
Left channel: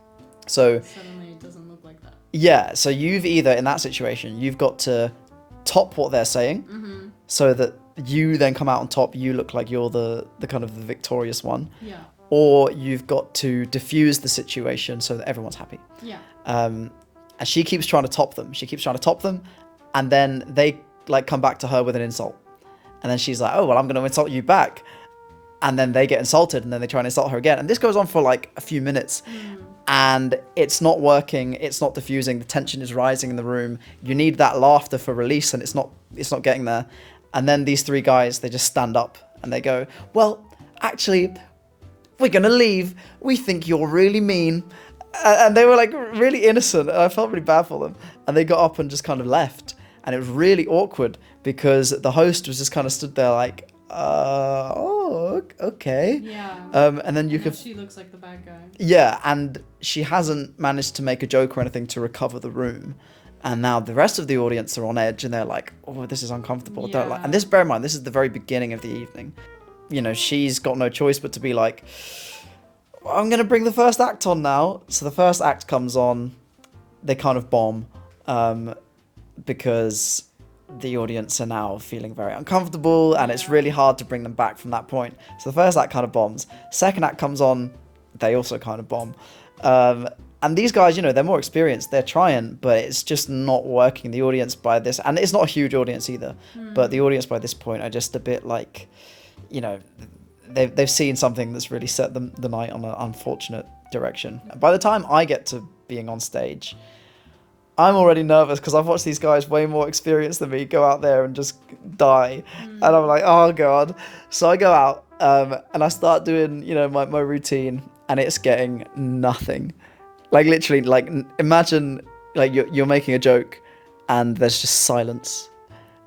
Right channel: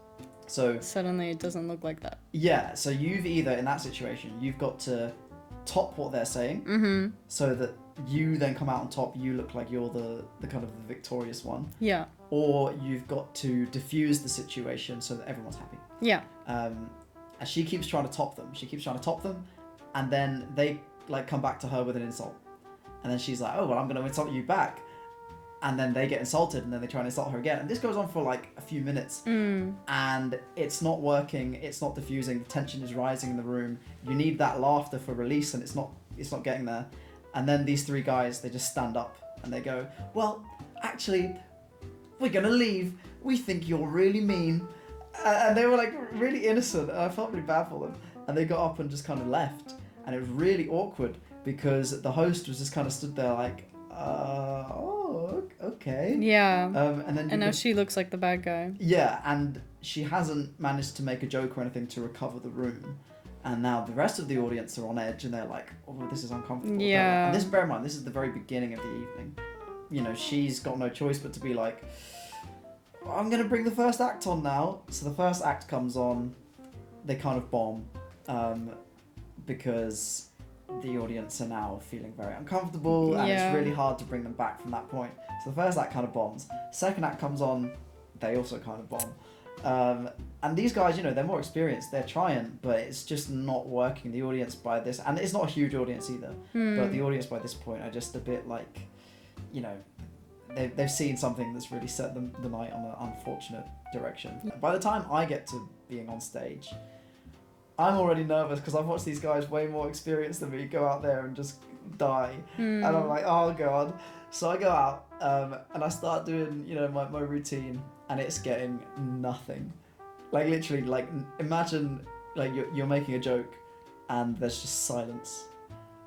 So suddenly it doesn't look like that. Yeah, so you've either, in that situation, you've got to top what they're saying, so that you then come out on top, you look like you're the kind of the victorious one. Yeah. Or you've got to diffuse the situation so that everyone's happy. Yeah. And she keeps trying to top them, and then they like come back to her with an insult, and then she's like, oh well, I'm going to insult you back, and then they get insulted, and then they try and insult her again, and this goes on for like a few minutes, and it's not working, it's not diffusing, the tension is rising in the room, you need that laughter for release, and it's not getting there. And then these 3 guys, they just stand up and they go, well, actually, we're going to leave, we think you're really mean. And they were like really innocent, and I felt really bad for them, and they got up and just kind of left. And it was really awkward because the host was just kind of stood there like, oh, okay. Yeah. And then now she looks like the bad guy. Yeah, and she hasn't managed to make a joke or anything to recover the room. And now the rest of the audience are on edge and they're like, oh, this is uncomfortable. Yeah. And this, bear in mind, this is the very beginning of the evening. You know, she's got no choice but to be like, I'm going to bring the first act on now. So the first act comes on, they kind of bomb because the audience are now feeling very uncomfortable and it's really hard to bring them back from that point. So the first act kind of bombs. Second act comes on, they also kind of bomb. And these guys, you know, they're more experienced, they're trying, but it's just not working. The audience by this, and it's not a huge audience either, but the audience by this point are just a bit like, you know, they've seen something that's really set the night on an unfortunate direction. By the time I get to being on stage, I'm already nervous because I've watched these guys way more experienced than me go out there and just die. And I'm like, oh God. So I go out and I start doing, you know, my routine, and it's getting nothing. Like literally, like imagine like you're making a joke and there's just silence.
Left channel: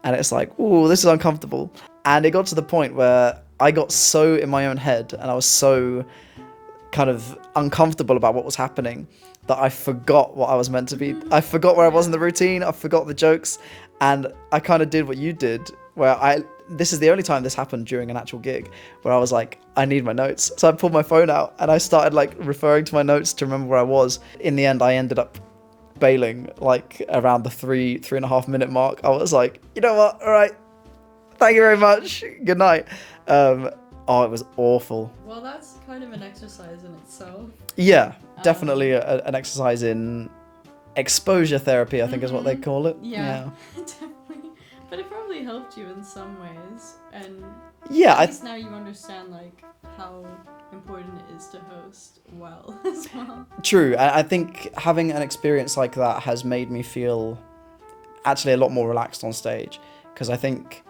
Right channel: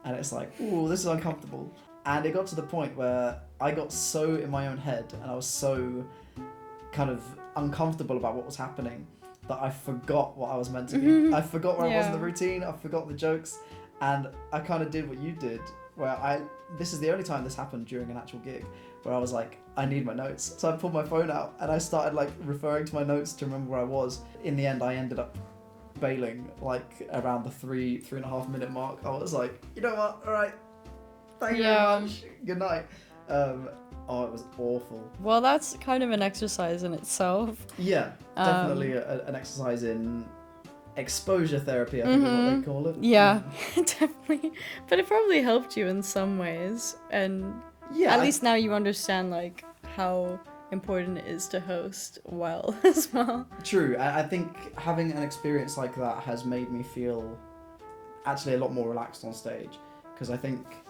And it's like, ooh, this is uncomfortable. And it got to the point where I got so in my own head and I was so kind of uncomfortable about what was happening that I forgot what I was meant to be. I forgot where I was in the routine. I forgot the jokes. And I kind of did what you did, where this is the only time this happened during an actual gig, where I was like, I need my notes. So I pulled my phone out and I started like referring to my notes to remember where I was. In the end, I ended up bailing like around the 3.5 minute mark. I was like, you know what? All right. Thank you very much. Good night. Oh, it was awful. Well, that's kind of an exercise in itself. Yeah, definitely an exercise in exposure therapy, I think is what they call it. Yeah. Definitely. But it probably helped you in some ways. And yeah, at least now you understand like how important it is to host well as well. True. I think having an experience like that has made me feel actually a lot more relaxed on stage, because I think,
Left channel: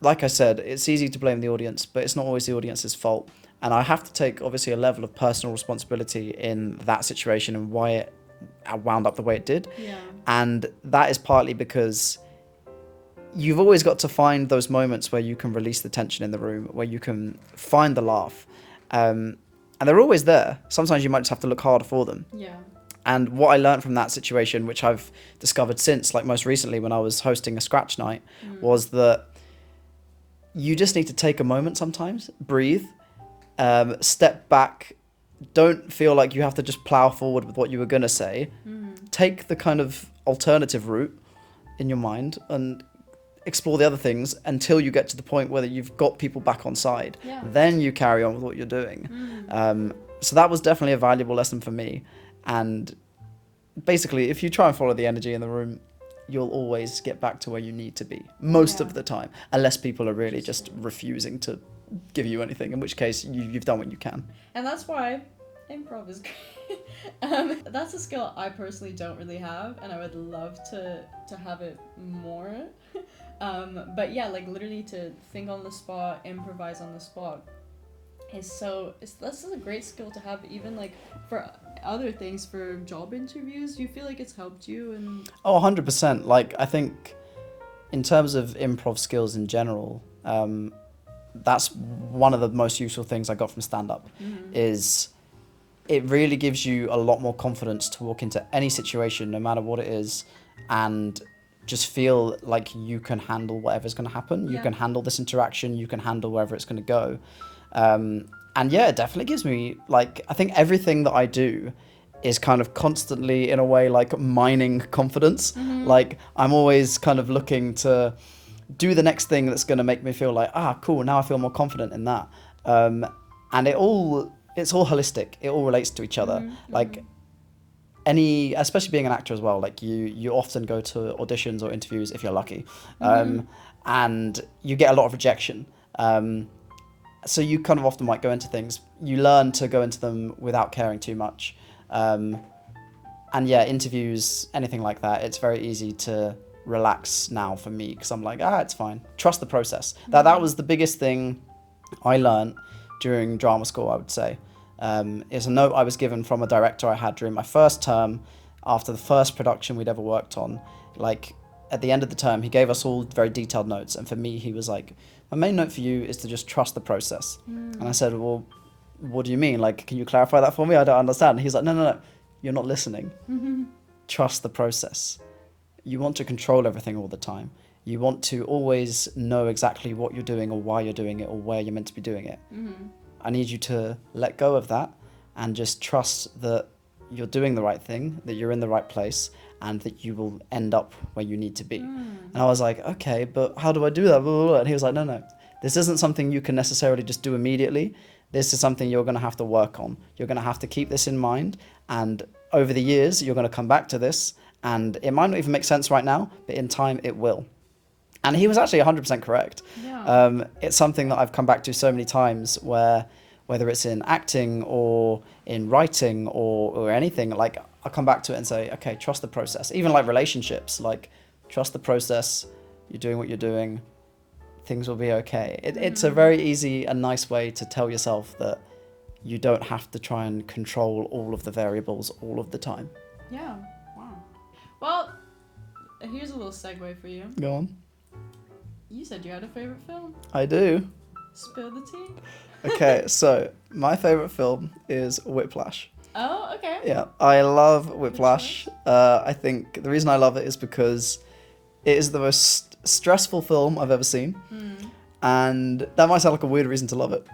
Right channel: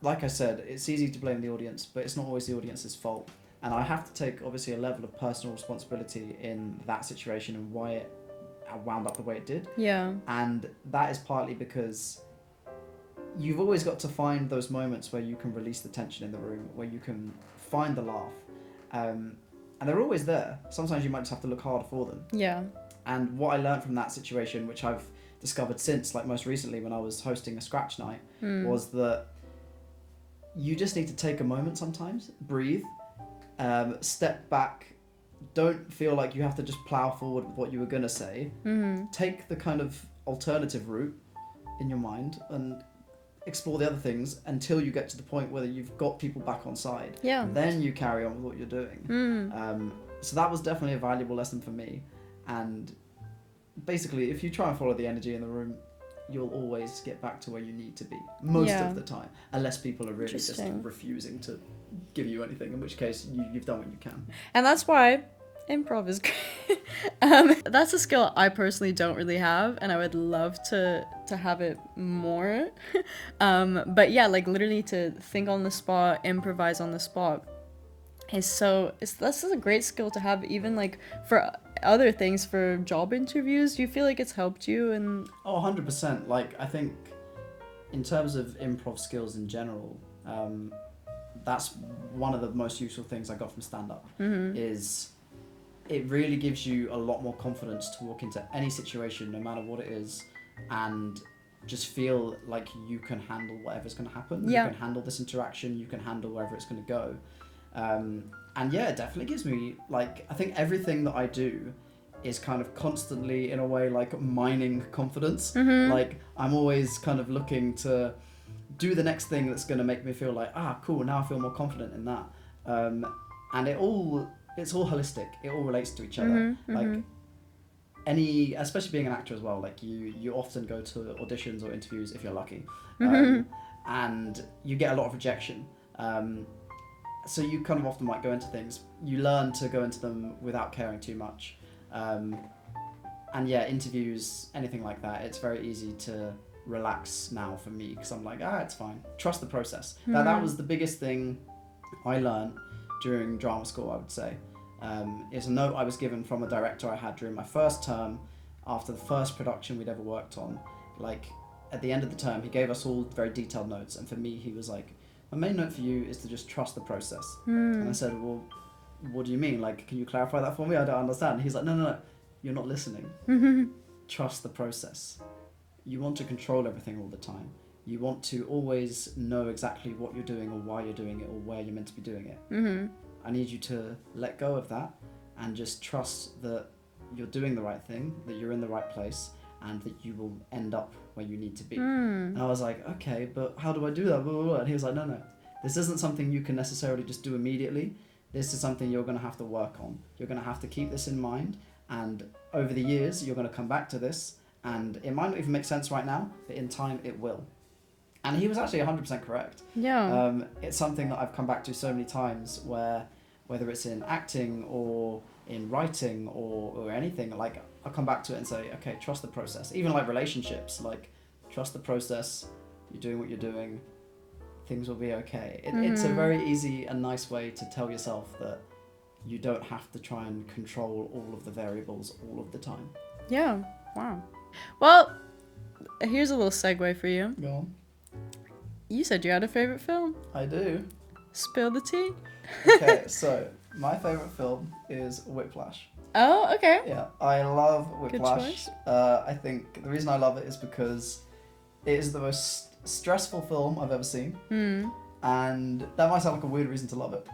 like I said, it's easy to blame the audience, but it's not always the audience's fault. And I have to take, obviously, a level of personal responsibility in that situation and why it wound up the way it did. Yeah. And that is partly because you've always got to find those moments where you can release the tension in the room, where you can find the laugh. And they're always there. Sometimes you might just have to look harder for them. Yeah. And what I learned from that situation, which I've discovered since, like most recently when I was hosting a scratch night, was that you just need to take a moment sometimes, breathe, step back, don't feel like you have to just plow forward with what you were going to say. Take the kind of alternative route in your mind and explore the other things until you get to the point where you've got people back on side. Yeah. Then you carry on with what you're doing. So that was definitely a valuable lesson for me. And basically, if you try and follow the energy in the room, you'll always get back to where you need to be most of the time, unless people are really just refusing to give you anything, in which case you've done what you can. And that's why improv is great. That's a skill I personally don't really have, and I would love to have it more. But yeah, like literally to think on the spot, improvise on the spot this is a great skill to have, even like for other things, for job interviews. Do you feel like it's helped you? And 100%. Like, I think in terms of improv skills in general, that's one of the most useful things I got from stand-up. Is it really gives you a lot more confidence to walk into any situation, no matter what it is, and just feel like you can handle whatever's going to happen. You can handle this interaction, you can handle wherever it's going to go. And yeah, it definitely gives me, like, I think everything that I do is kind of constantly, in a way, like mining confidence. Like, I'm always kind of looking to do the next thing that's going to make me feel like, cool, now I feel more confident in that. And it's all holistic. It all relates to each other. Like, especially being an actor as well, like you often go to auditions or interviews if you're lucky, and you get a lot of rejection. So you kind of often might go into things, you learn to go into them without caring too much. And yeah, interviews, anything like that, it's very easy to relax now for me, because I'm like, it's fine. Trust the process. That was the biggest thing I learned during drama school, I would say. It's a note I was given from a director I had during my first term, after the first production we'd ever worked on. Like, at the end of the term, he gave us all very detailed notes, and for me, he was like, my main note for you is to just trust the process. And I said, well, what do you mean? Like, can you clarify that for me? I don't understand. And he's like, no, you're not listening. Trust the process. you want to control everything all the time. You want to always know exactly what you're doing or why you're doing it or where you're meant to be doing it. Mm-hmm. I need you to let go of that and just trust that you're doing the right thing, that you're in the right place, and that you will end up where you need to be. And I was like, okay, but how do I do that? Blah, blah, blah. And he was like, no, this isn't something you can necessarily just do immediately. This is something you're going to have to work on. You're going to have to keep this in mind, and over the years, you're going to come back to this, and it might not even make sense right now, but in time, it will. And he was actually 100% correct. Yeah. It's something that I've come back to so many times where, whether it's in acting or in writing or anything, like I'll come back to it and say, okay, trust the process. Even like relationships, like trust the process. You're doing what you're doing. Things will be okay. It's a very easy and nice way to tell yourself that you don't have to try and control all of the variables all of the time. Yeah. Wow. Well, here's a little segue for you. Go on. You said you had a favorite film. I do. Spill the tea. Okay, so my favorite film is Whiplash. Oh, okay. Yeah, I love Whiplash. I think the reason I love it is because it is the most stressful film I've ever seen. And that might sound like a weird reason to love it.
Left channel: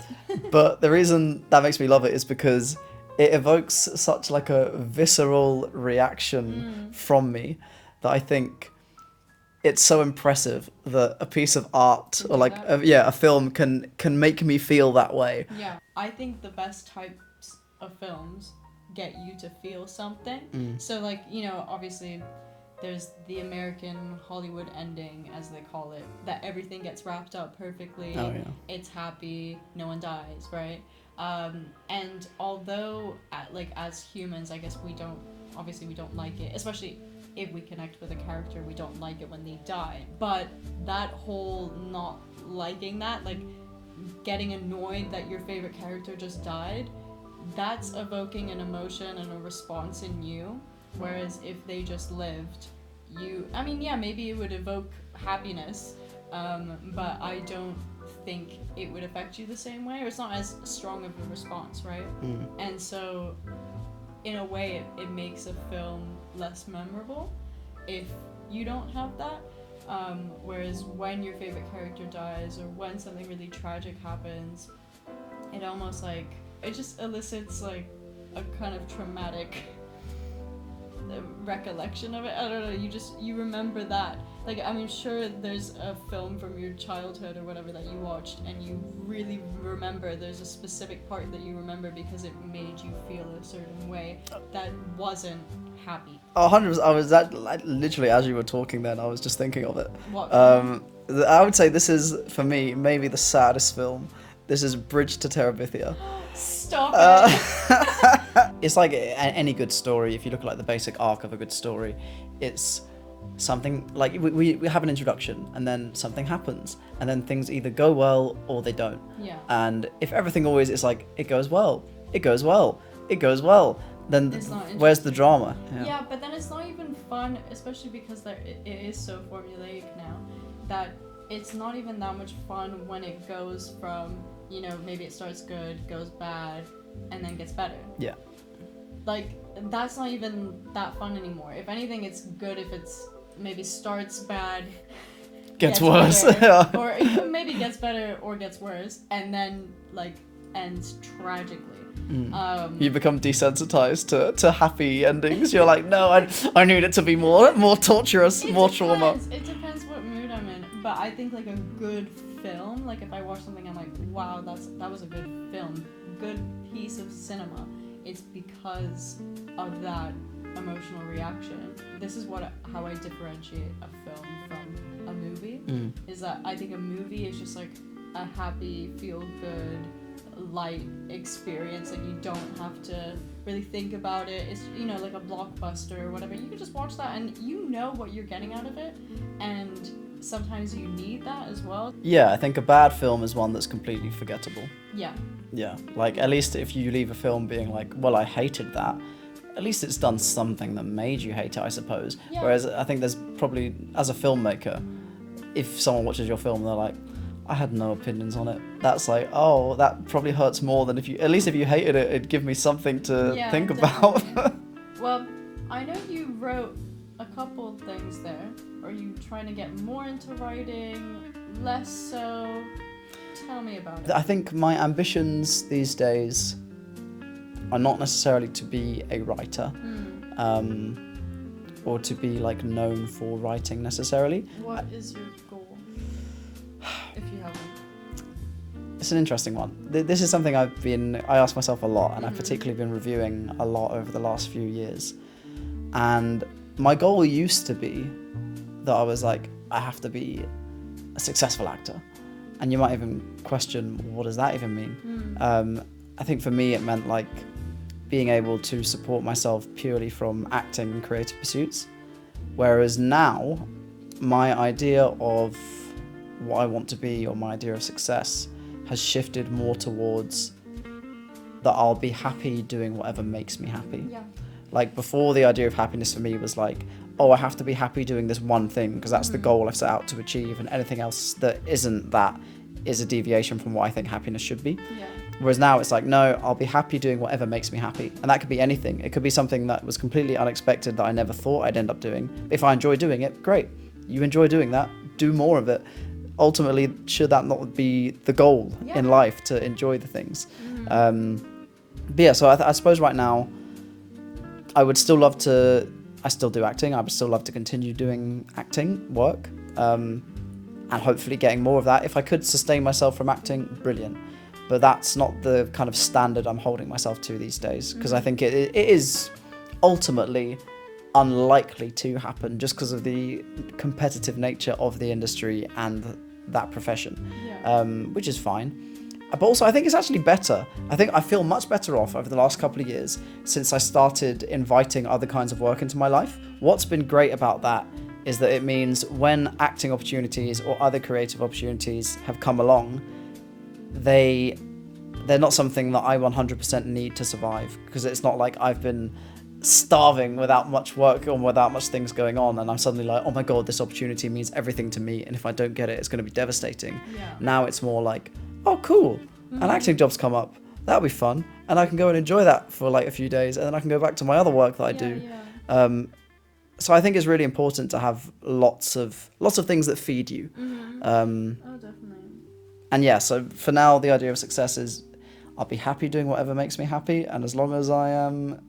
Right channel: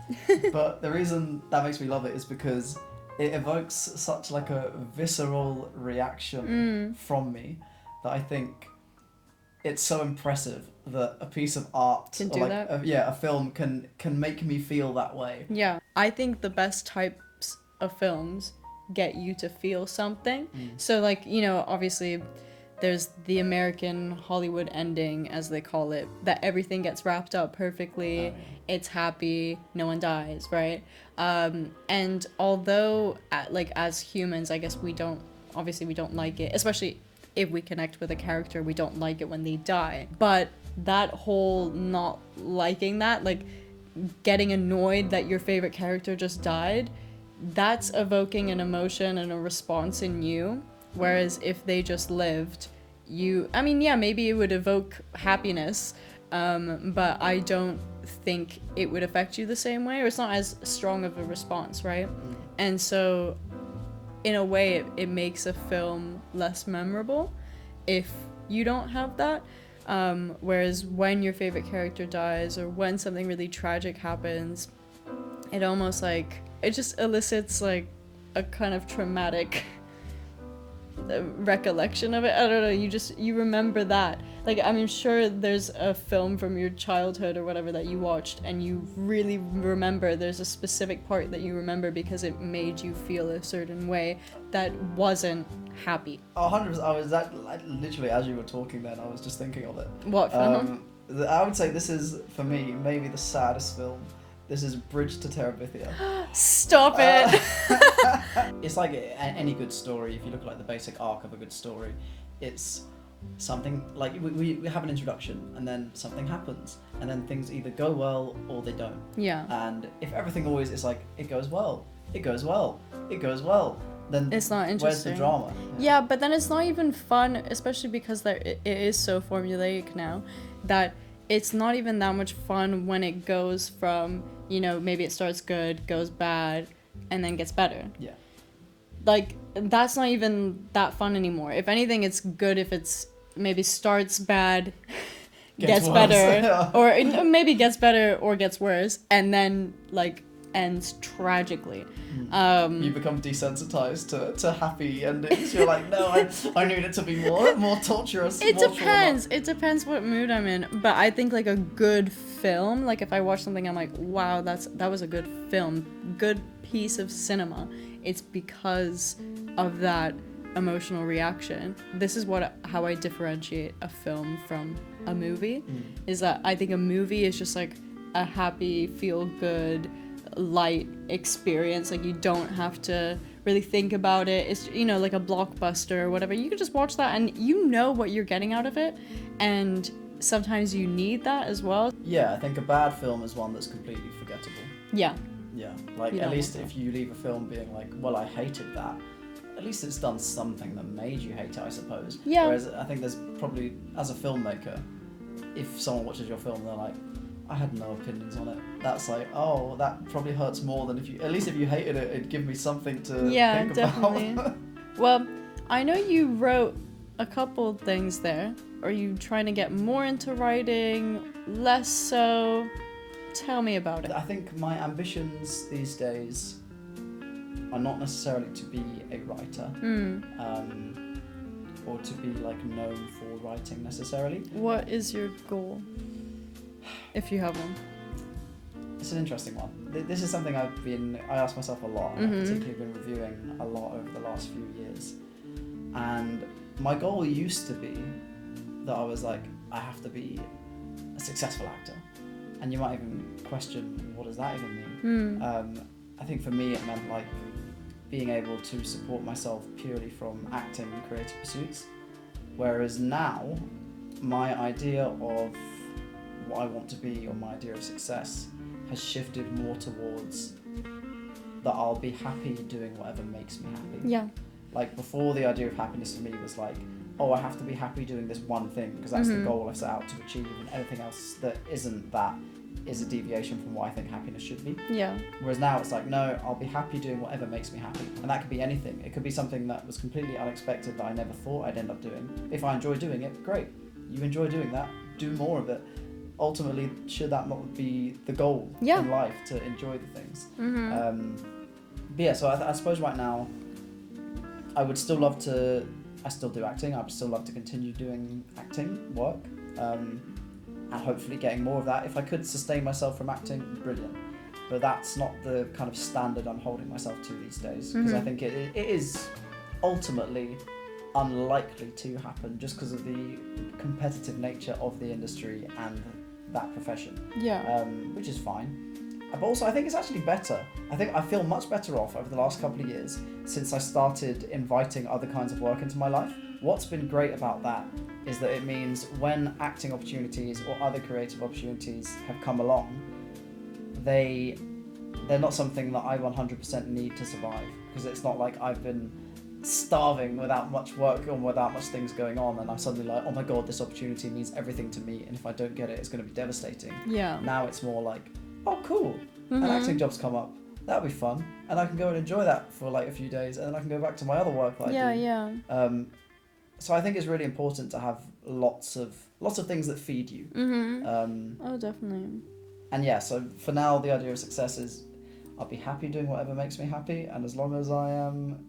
But the reason that makes me love it is because it evokes such like a visceral reaction from me that I think it's so impressive that a piece of art or like a film can make me feel that way. Yeah, I think the best types of films get you to feel something. So like, you know, obviously there's the American Hollywood ending, as they call it, that everything gets wrapped up perfectly. Oh, yeah. It's happy, no one dies, right? And although like as humans, I guess we don't like it, especially if we connect with a character, we don't like it when they die. But that whole not liking that, like getting annoyed that your favorite character just died, that's evoking an emotion and a response in you. Whereas if they just lived, maybe it would evoke happiness, but I don't think it would affect you the same way, or it's not as strong of a response, right? And so in a way it makes a film less memorable if you don't have that, whereas when your favorite character dies or when something really tragic happens, it almost like it just elicits like a kind of traumatic recollection of it. I don't know, you remember that. Like, I mean, sure, there's a film from your childhood or whatever that you watched and you really remember, there's a specific part that you remember because it made you feel a certain way that wasn't happy. 100%. I was literally, as you were talking then, I was just thinking of it. What? I would say this is, for me, maybe the saddest film. This is Bridge to Terabithia. Stop it! It's like any good story. If you look at like the basic arc of a good story, it's something like we have an introduction and then something happens and then things either go well or they don't. Yeah. And if everything always is like it goes well, then it's not interesting. Where's the drama? Yeah, but then it's not even fun, especially because it is so formulaic now that it's not even that much fun when it goes from, you know, maybe it starts good, goes bad, and then gets better. Yeah. Like, that's not even that fun anymore. If anything, it's good if it's maybe starts bad, gets worse. better, or it maybe gets better or gets worse, and then, like, ends tragically. You become desensitized to happy endings. You're like, no, I need it to be more torturous, more trauma. It depends what mood I'm in. But I think like a good film, like if I watch something, I'm like, wow, that was a good film, good piece of cinema. It's because of that emotional reaction. This is how I differentiate a film from a movie. Is that I think a movie is just like a happy, feel good, light experience. Like you don't have to really think about it. It's, you know, like a blockbuster or whatever. You can just watch that and you know what you're getting out of it, and sometimes you need that as well. Yeah, I think a bad film is one that's completely forgettable. Yeah, like at least if you leave a film being like, well, I hated that, at least it's done something that made you hate it, I suppose. Yeah. Whereas I think there's probably, as a filmmaker, if someone watches your film and they're like, I had no opinions on it, that's like, oh, that probably hurts more than if you hated it, it'd give me something to think definitely. about. Well, I know you wrote a couple things there. Are you trying to get more into writing? Less so? Tell me about it. I think my ambitions these days are not necessarily to be a writer, or to be like known for writing necessarily. What is your goal, if you have one? It's an interesting one. This is something I ask myself a lot, and I've particularly been reviewing a lot over the last few years. And my goal used to be that I was like, I have to be a successful actor. And you might even question, what does that even mean? I think for me it meant like being able to support myself purely from acting and creative pursuits. Whereas now, my idea of what I want to be, or my idea of success, has shifted more towards that I'll be happy doing whatever makes me happy. Yeah. Like before, the idea of happiness for me was like, oh, I have to be happy doing this one thing because that's the goal I've set out to achieve, and anything else that isn't that is a deviation from what I think happiness should be. Yeah. Whereas now it's like, no, I'll be happy doing whatever makes me happy. And that could be anything. It could be something that was completely unexpected that I never thought I'd end up doing. If I enjoy doing it, great. You enjoy doing that, do more of it. Ultimately, should that not be the goal in life, to enjoy the things? But yeah, so I suppose right now, I would still love to, I still do acting, I would still love to continue doing acting work, and hopefully getting more of that. If I could sustain myself from acting, brilliant. But that's not the kind of standard I'm holding myself to these days, because I think it is ultimately unlikely to happen just because of the competitive nature of the industry and that profession, which is fine. But also, I think it's actually better. I think I feel much better off over the last couple of years since I started inviting other kinds of work into my life. What's been great about that is that it means when acting opportunities or other creative opportunities have come along, they're not something that I 100% need to survive, because it's not like I've been starving without much work or without much things going on, and I'm suddenly like, oh my god, this opportunity means everything to me, and if I don't get it, it's going to be devastating. Yeah. Now it's more like, oh cool, an acting job's come up, that'll be fun, and I can go and enjoy that for like a few days, and then I can go back to my other work that I do. So I think it's really important to have lots of things that feed you. Oh, definitely. And yeah, so for now, the idea of success is I'll be happy doing whatever makes me happy, and as long as I am,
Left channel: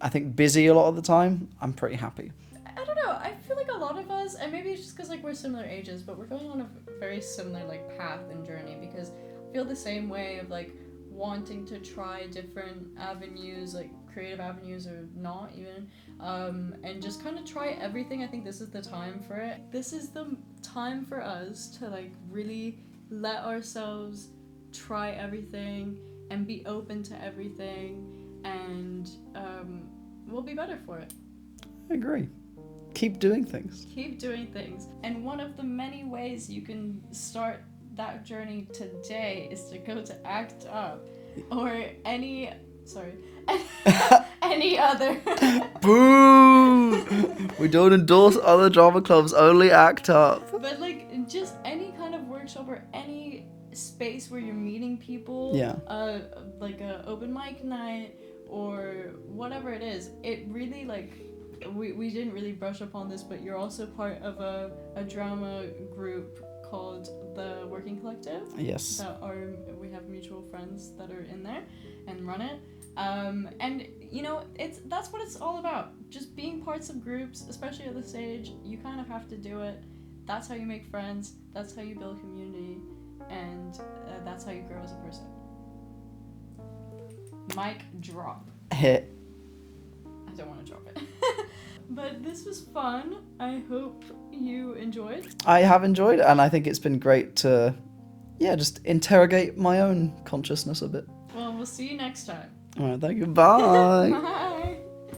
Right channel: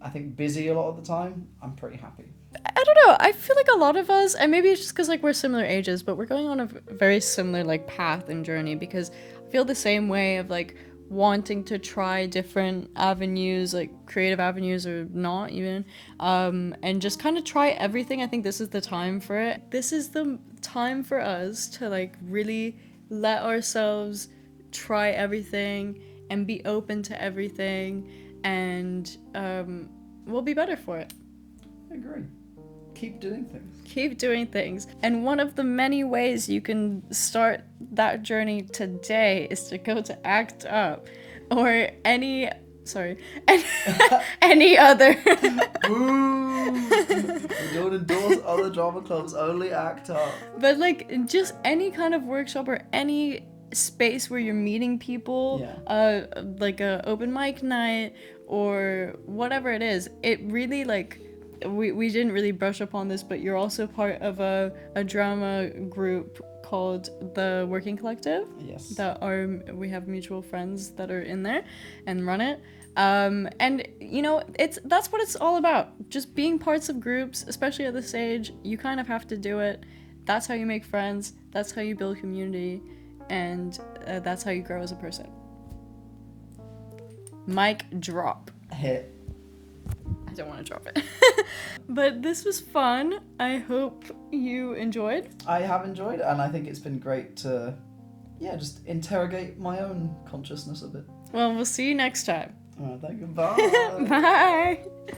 I think, busy a lot of the time, I'm pretty happy. I don't know, I feel like a lot of us, and maybe it's just because like we're similar ages, but we're going on a very similar like path and journey, because I feel the same way of like wanting to try different avenues, like creative avenues or not even, and just kind of try everything. I think this is the time for it. This is the time for us to like really let ourselves try everything and be open to everything, and we'll be better for it. I agree. Keep doing things. Keep doing things. And one of the many ways you can start that journey today is to go to Act Up or any other. Boo! We don't endorse other drama clubs, only Act Up. But like just any kind of workshop or any space where you're meeting people, like a open mic night or whatever it is, it really like, we didn't really brush up on this, but you're also part of a drama group called the Working Collective. Yes. We have mutual friends that are in there and run it. And you know, that's what it's all about. Just being parts of groups, especially at this age, you kind of have to do it. That's how you make friends. That's how you build community, and that's how you grow as a person. Mic drop. Hit. I don't want to drop it. But this was fun. I hope you enjoyed. I have enjoyed it, and I think it's been great to, just interrogate my own consciousness a bit. Well, we'll see you next time. All right, thank you. Bye. Bye.